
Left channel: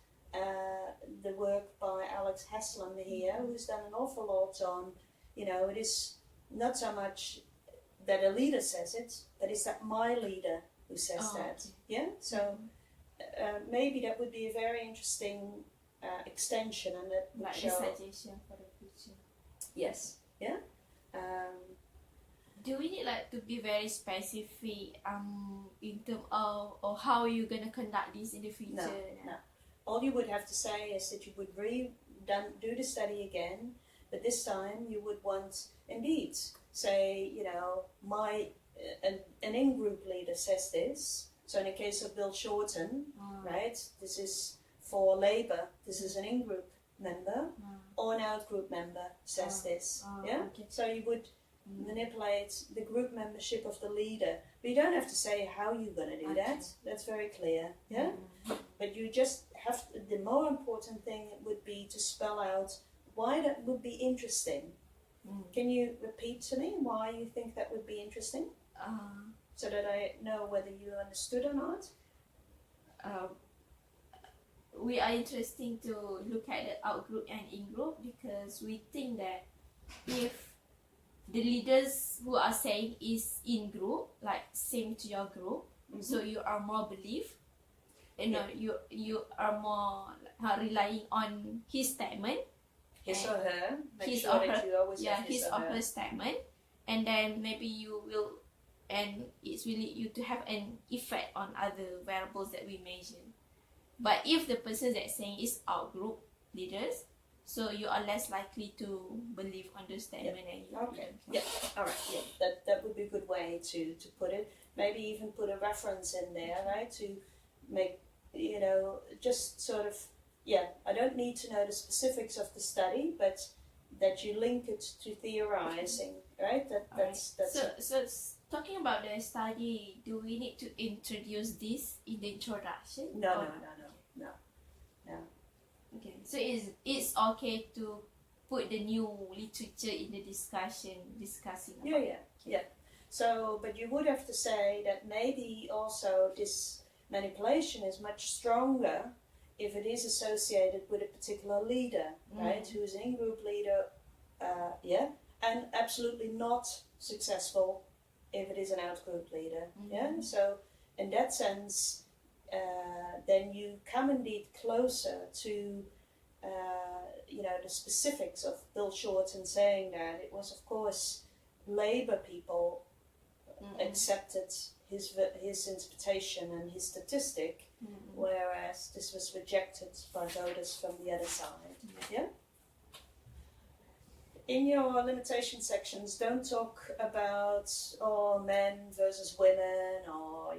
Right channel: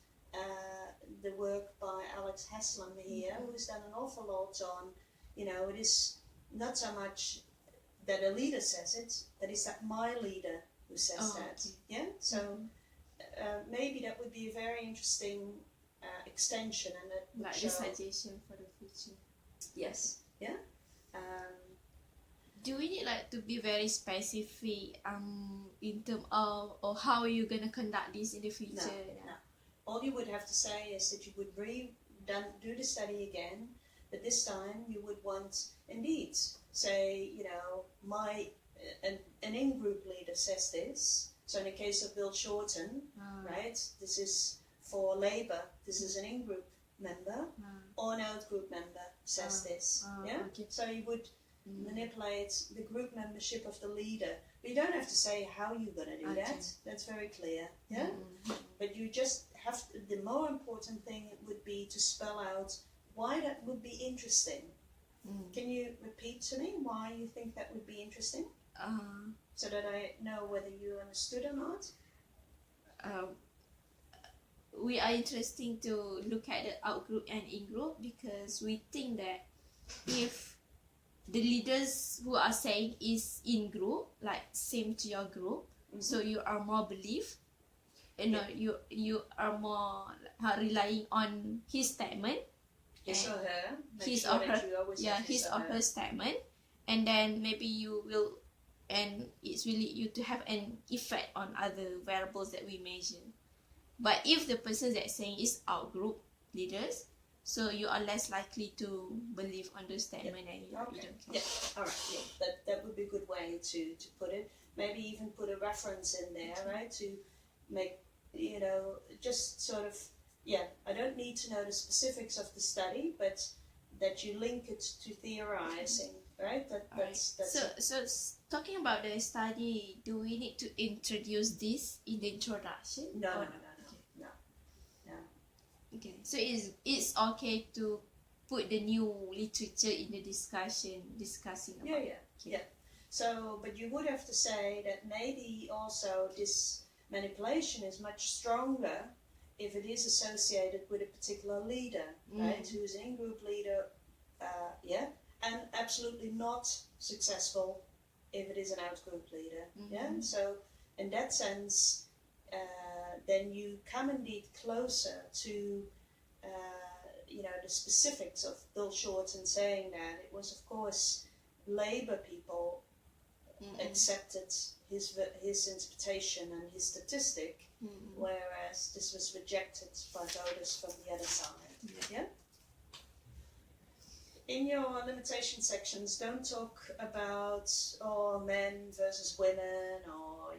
the work by Alex Haslam here, who's done an awful lot on, it is not so much that a leader says it, but it's that my leader who says that. Okay. Yeah? So maybe that would be a very interesting extension, and that would show... suggestion for the future. Yes. Yeah? Do we need to be very specific in terms of or how you're going to conduct this in the future? No. All you would have to say is that you would do the study again, but this time you would want, indeed, say, an in-group leader says this. So in the case of Bill Shorten, right, this is for Labour, this is an in-group member, or an out-group member says this. Yeah? Okay. So you would manipulate the group membership of the leader. But you don't have to say how you're going to do that. That's very clear. Yeah? But you just have the more important thing would be to spell out why that would be interesting. Can you repeat to me why you think that would be interesting? So that I know whether you understood or not? We are interesting to look at the out-group and in-group because we think that if the leaders who are saying is in-group, like same to your group, so you are more belief, you are more relying on his statement. His or her. His or her statement, and then maybe you will, and it's really you to have an effect on other variables that we mentioned. But if the person that's saying is out group leaders, so you are less likely to believe on the statement and you all right, that would be a good way to put it. Maybe even put a reference in there, right, to make, just sort of, I don't need to know the specifics of the study, but that you link it to theorizing, right? So talking about the study, do we need to introduce this in the introduction? No. Okay, so it's okay to put the new literature in the discussing about it. Yeah. So, but you would have to say that maybe also this manipulation is much stronger if it is associated with a particular leader, right, who's an in-group leader, and absolutely not successful if it is an out-group leader, So in that sense, then you come indeed closer to, the specifics of Bill Shorten saying that it was, of course, Labour people accepted his interpretation and his statistic, whereas this was rejected by voters from the other side. Yeah. In your limitation sections, don't talk about men versus women or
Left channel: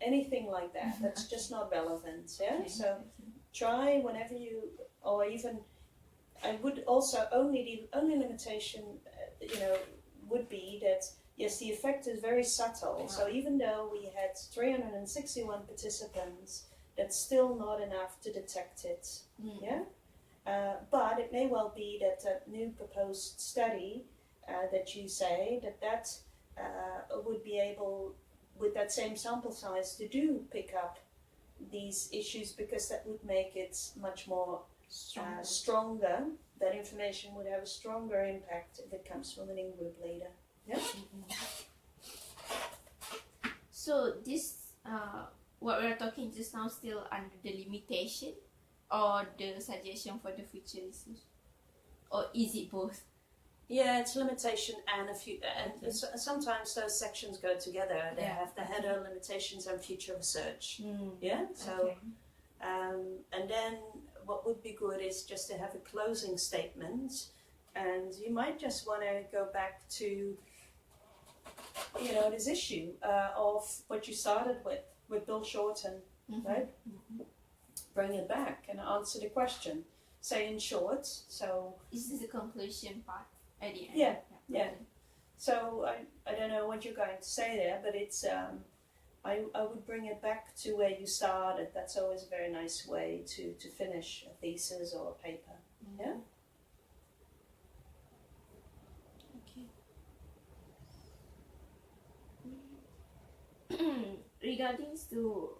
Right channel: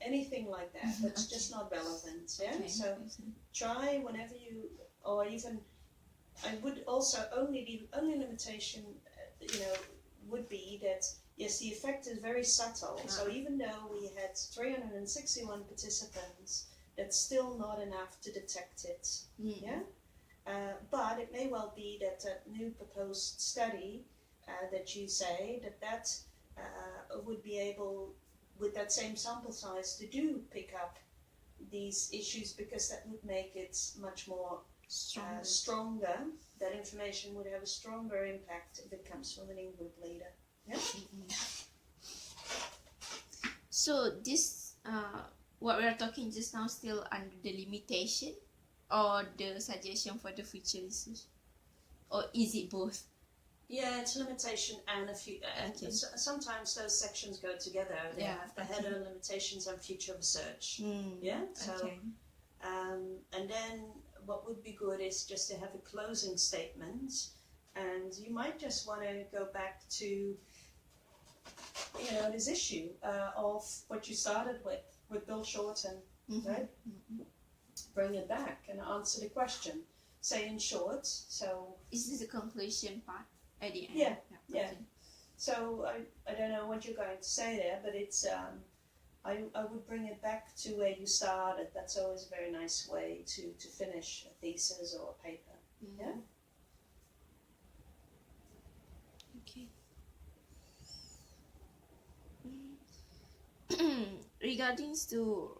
anything like that. That's just not relevant. Yeah. Okay. So try whenever you, or even I would also the only limitation would be that. Yes, the effect is very subtle. So even though we had 361 participants, that's still not enough to detect it. Yeah, but it may well be that a new proposed study that you say that would be able, with that same sample size, to do pick up these issues, because that would make it much more stronger. That information would have a stronger impact if it comes from an in-group leader. Yeah. So this, what we're talking just now, still under the limitation or the suggestion for the future research, or is it both? Yeah, it's limitation and a few. Sometimes those sections go together. They have the header, limitations, and future research. Yeah. So, and then what would be good is just to have a closing statement, and you might just want to go back to, this issue of what you started with Bill Shorten, right? Bring it back and answer the question. Say in short. So is this the conclusion part at the end? Yeah. So I don't know what you're going to say there, but it's I would bring it back to where you started. That's always a very nice way to finish a thesis or a paper. Yeah. Okay. Regarding to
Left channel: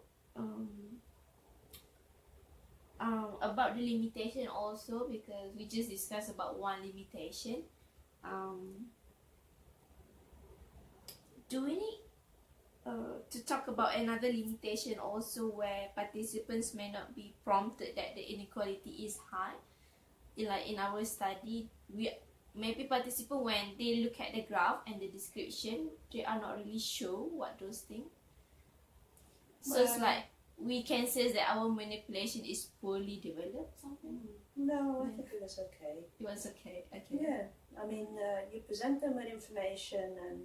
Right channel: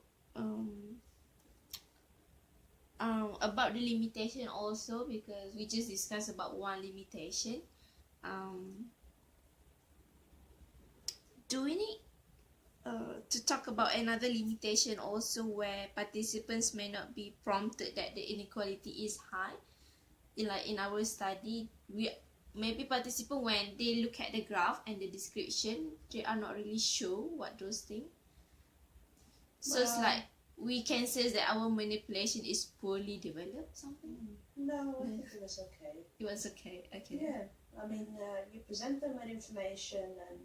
about the limitation also, because we just discussed about one limitation. Do we need to talk about another limitation also, where participants may not be prompted that the inequality is high? Like in our study, maybe participants, when they look at the graph and the description, they are not really sure what those things. So it's like we can say that our manipulation is poorly developed, something? No, I think it was okay. It was okay. Okay. Yeah, I mean, you present them with information, and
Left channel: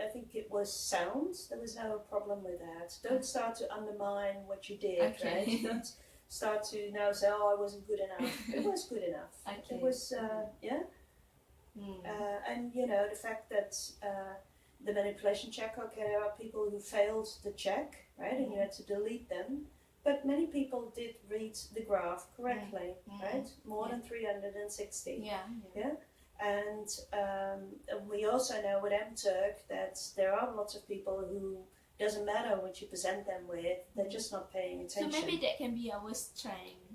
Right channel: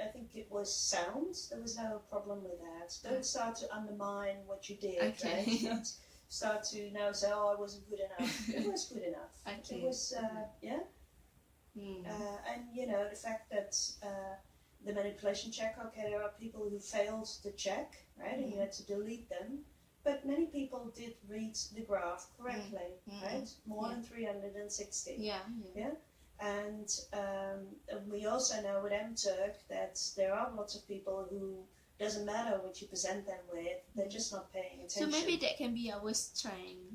I think it was sound. There was no problem with that. Don't start to undermine what you did, right? Don't start to now say, oh, I wasn't good enough. It was good enough. Okay. It was, and, the fact that the manipulation check, okay, there are people who failed the check, right, and you had to delete them. But many people did read the graph correctly, right? More than 360. Yeah. And we also know with MTurk that there are lots of people who, doesn't matter what you present them with, they're just not paying attention. So maybe that can be our strength,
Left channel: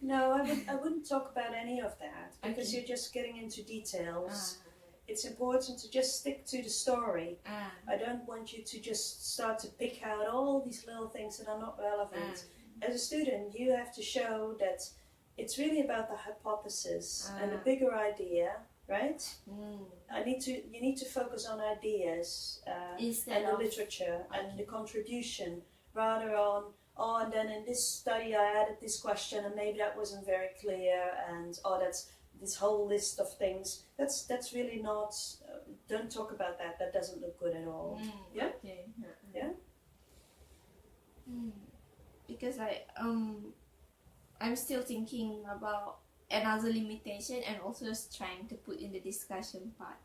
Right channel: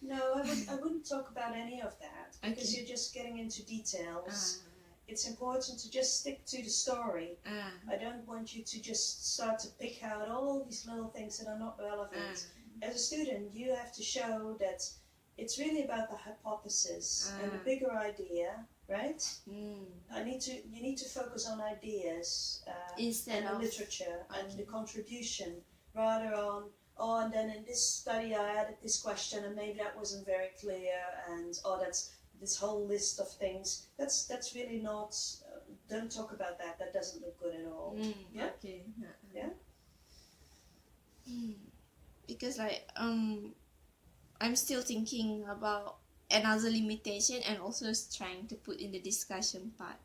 No, I wouldn't talk about any of that, because you're just getting into details. It's important to just stick to the story. I don't want you to just start to pick out all these little things that are not relevant. As a student, you have to show that it's really about the hypothesis and the bigger idea, right? You need to focus on ideas and the literature and the contribution, rather on, and then in this study I added this question and maybe that wasn't very clear, and that's this whole list of things. That's really not. Don't talk about that. That doesn't look good at all. Yeah. Okay. Yeah. Because I'm still thinking about another limitation, and also trying to put in the discussion part.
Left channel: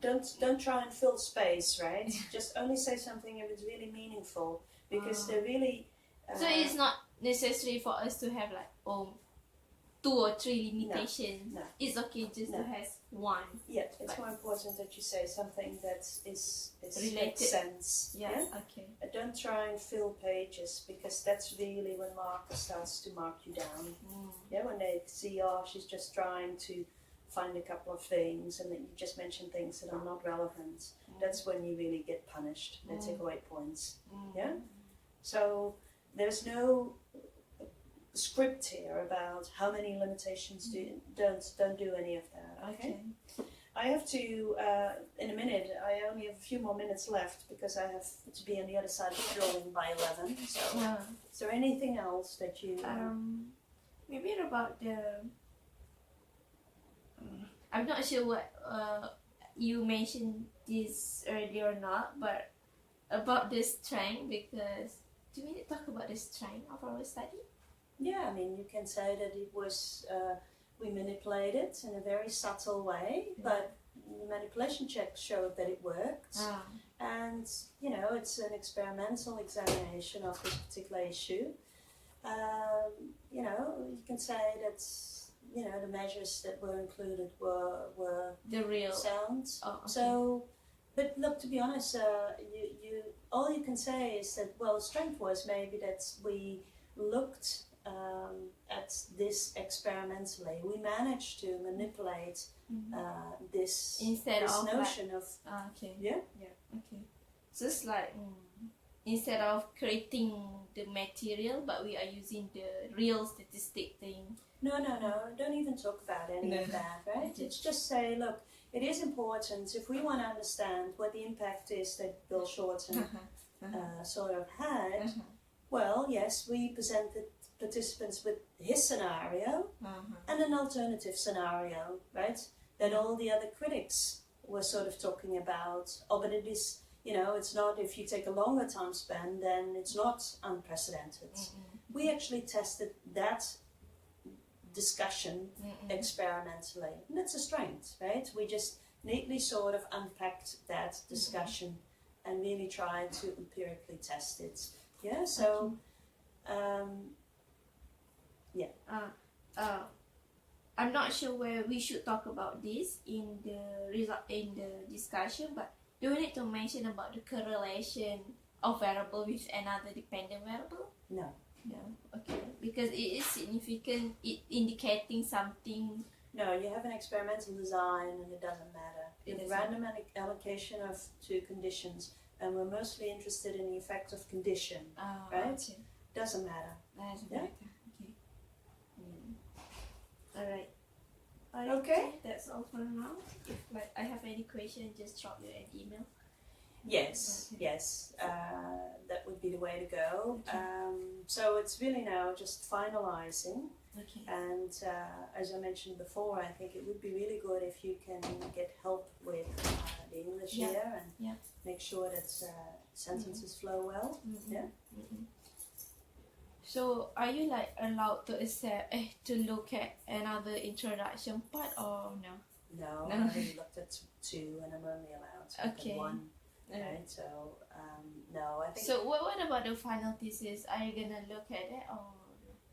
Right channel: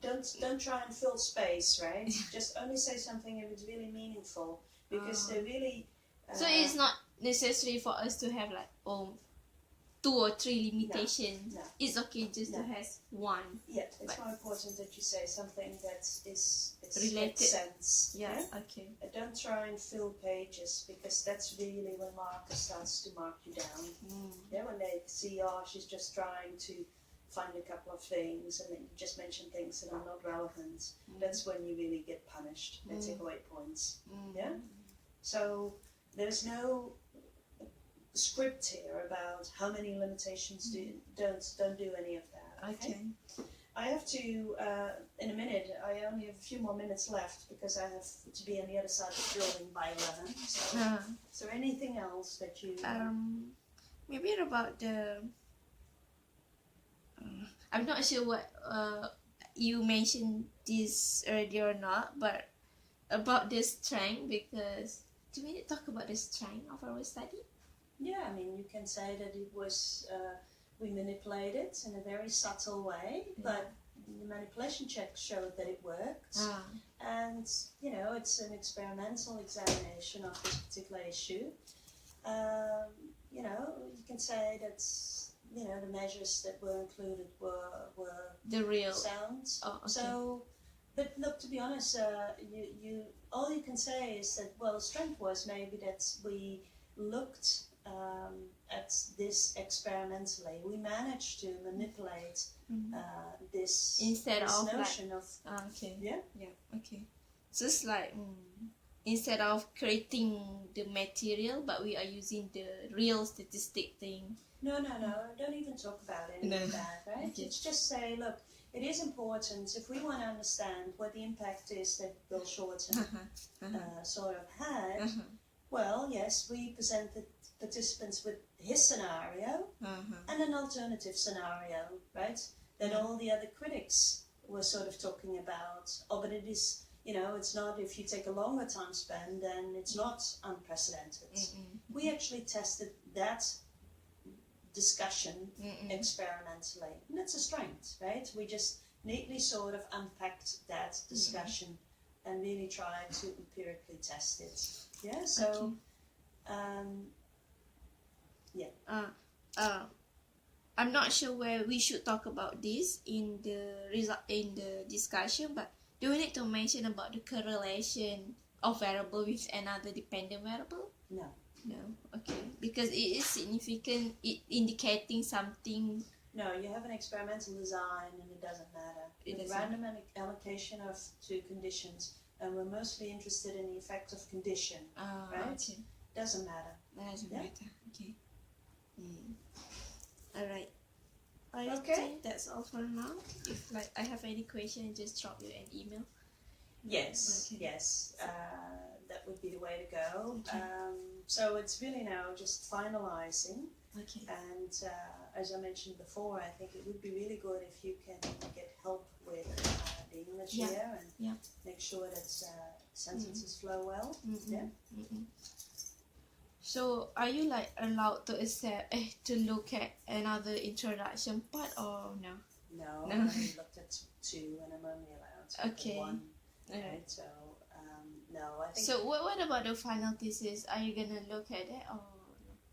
Don't try and fill space, right? Just only say something if it's really meaningful, because they're really. So it's not necessary for us to have 2 or 3 limitations. No. It's okay just to have one. Yeah, it's more important that you say something that is related. Makes sense. Yeah. Okay. Don't try and fill pages, because that's really when marker starts to mark you down. Yeah, when they see, she's just trying to find a couple of things, and then you just mention things that are not relevant. That's when you really get punished. They take away points. Yeah. So there's no script here about how many limitations don't do any of that. Okay. I have to in a minute. I only have a few more minutes left, because I have to be on the other side of the building by 11. So, is there anything else that you? Maybe about the. I'm not sure what you mentioned this earlier or not, but about the strength, because do we need to talk about the strength of our study? Yeah, I mean, you can say that it was, we manipulated in a very subtle way, but the manipulation check showed that it worked. And, it's an experimental examination of this particular issue. you know, you can say that, you know, the measures that were included were the real sounds. Oh, okay. So, but look, to be honest, you all you can say is that, well, strength was maybe that we looked at this experimentally. We managed to manipulate this Instead this of notion of okay. yeah. Okay. So it's like instead of creating the material, but we are using the real statistic thing. No, don't even talk about any of that, right? Okay. It's just say, look, it is important if we want to understand what the impact is that Bill Shorten sort of had. Well, yes, we presented participants with his scenario and an alternative scenario, right? That all the other critics were sort of talking about. Oh, but it is, you know, it's not, if you take a longer time span, then it's not unprecedented. We actually tested that discussion experimentally, and that's a strength, right? We just neatly sort of unpacked that discussion and really tried to empirically test it. Yeah, so I'm not sure where we should talk about this in the discussion, but do we need to mention about the correlation of variable with another dependent variable? No. No, okay, because it is significant, indicating something. No, you have an experimental design and it doesn't matter. It's random allocation of two conditions, and we're mostly interested in the effect of condition, right? Okay. Doesn't matter. Doesn't Yeah. matter. Okay. Alright. Okay. That's all for now. If like I have any question, just drop you an email. Yes, Okay. yes, that would be the way to go. Okay. So it's really now just finalising, Okay. and as I mentioned before, I think it would be really good if you can get help with the English here and make sure that sentences flow well. Yeah. So are you like allowed to accept to look at another introduction part or no? No, I only looked at two, and I'm only allowed to look Okay. at one. Alright. Right, so no, I think So what about the final thesis? Are you gonna look at it or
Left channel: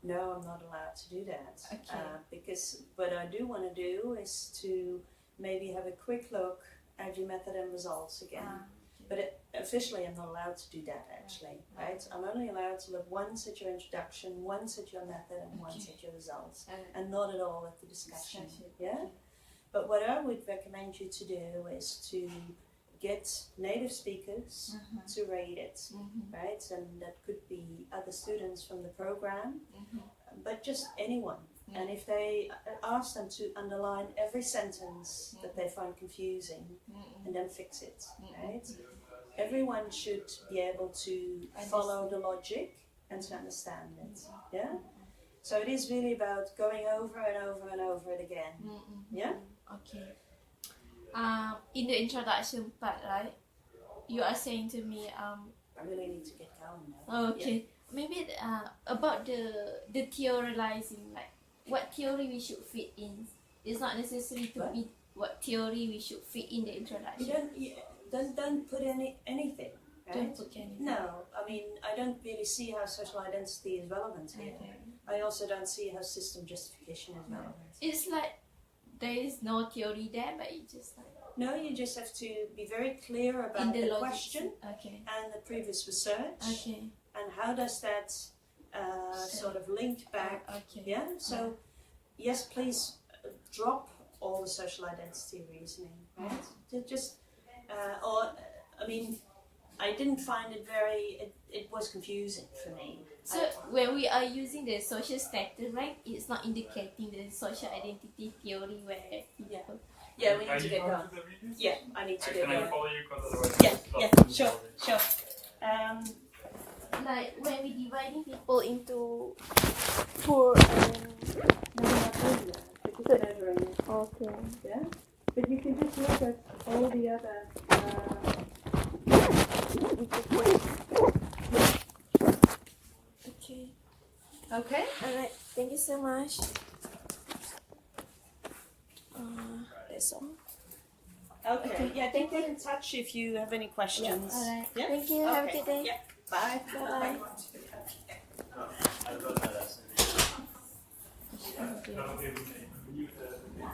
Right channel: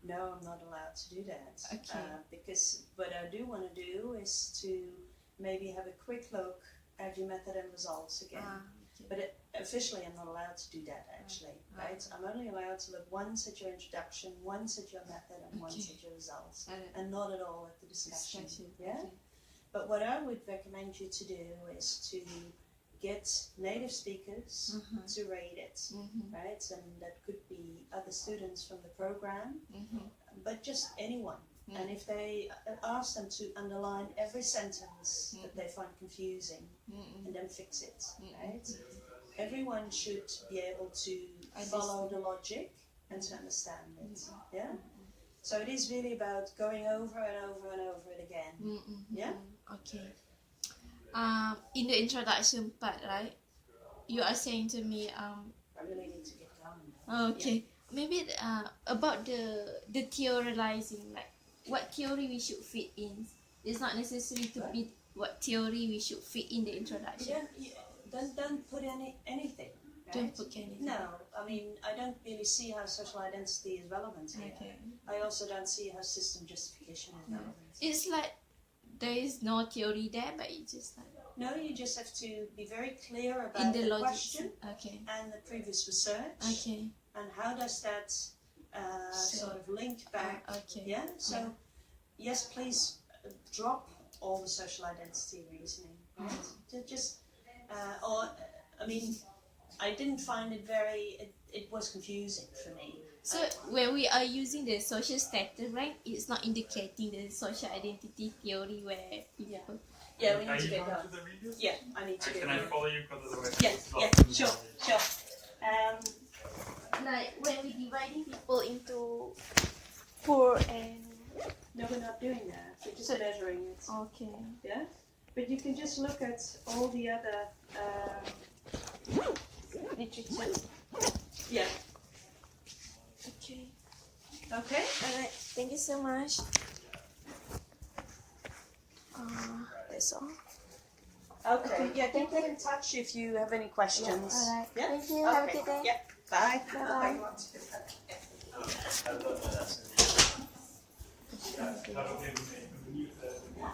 no? no, I'm not allowed to do that. Okay. Because what I do want to do is to maybe have a quick look at your method and results again. Okay. But officially, I'm not allowed to do that actually, right? I'm only allowed to look once at your introduction, once at your method, and once at your results, and not at all at the discussion. Yeah. Okay. But what I would recommend you to do is to get native speakers to rate it, right? And that could be other students from the program, but just anyone. And if they ask them to underline every sentence that they find confusing and then fix it, right? Everyone should be able to follow the logic and to understand it, yeah? So it is really about going over and over and over it again, yeah? Okay. In the introduction part, right? You are saying to me, I really need to get going now. okay, maybe about the theorizing, like what theory we should fit in. It's not necessary to be what theory we should fit in the introduction. Don't put anything. Right? Don't put anything. No, I mean, I don't really see how social identity is relevant here. Okay. I also don't see how system justification is relevant. It's like there is no theory there, but you just like No, you just have to be very clear about in the the logic. question Okay. and the previous research, Okay. and how does that sort of link back. Okay. Yeah, so yes, please drop all the social identity reasoning, right? Just, I mean, I didn't find it it was confusing for me. So when we are using the social status rank, it's not indicating the social identity theory where people. Yeah, we need to get going. Yeah, I need to get Can I going. follow you? Because otherwise Yeah, sure. Like when we dividing people into poor and No, we're not doing that. We're just measuring it. okay. Yeah, but you can just look at all the other. Yeah. Okay. Okay. Alright. Thank you so much. That's all. Okay. Yeah, get in touch if you have any questions. Alright. Yeah. Thank you. Have a Okay. good day. Yeah. Bye. Bye-bye. Bye. Thank you.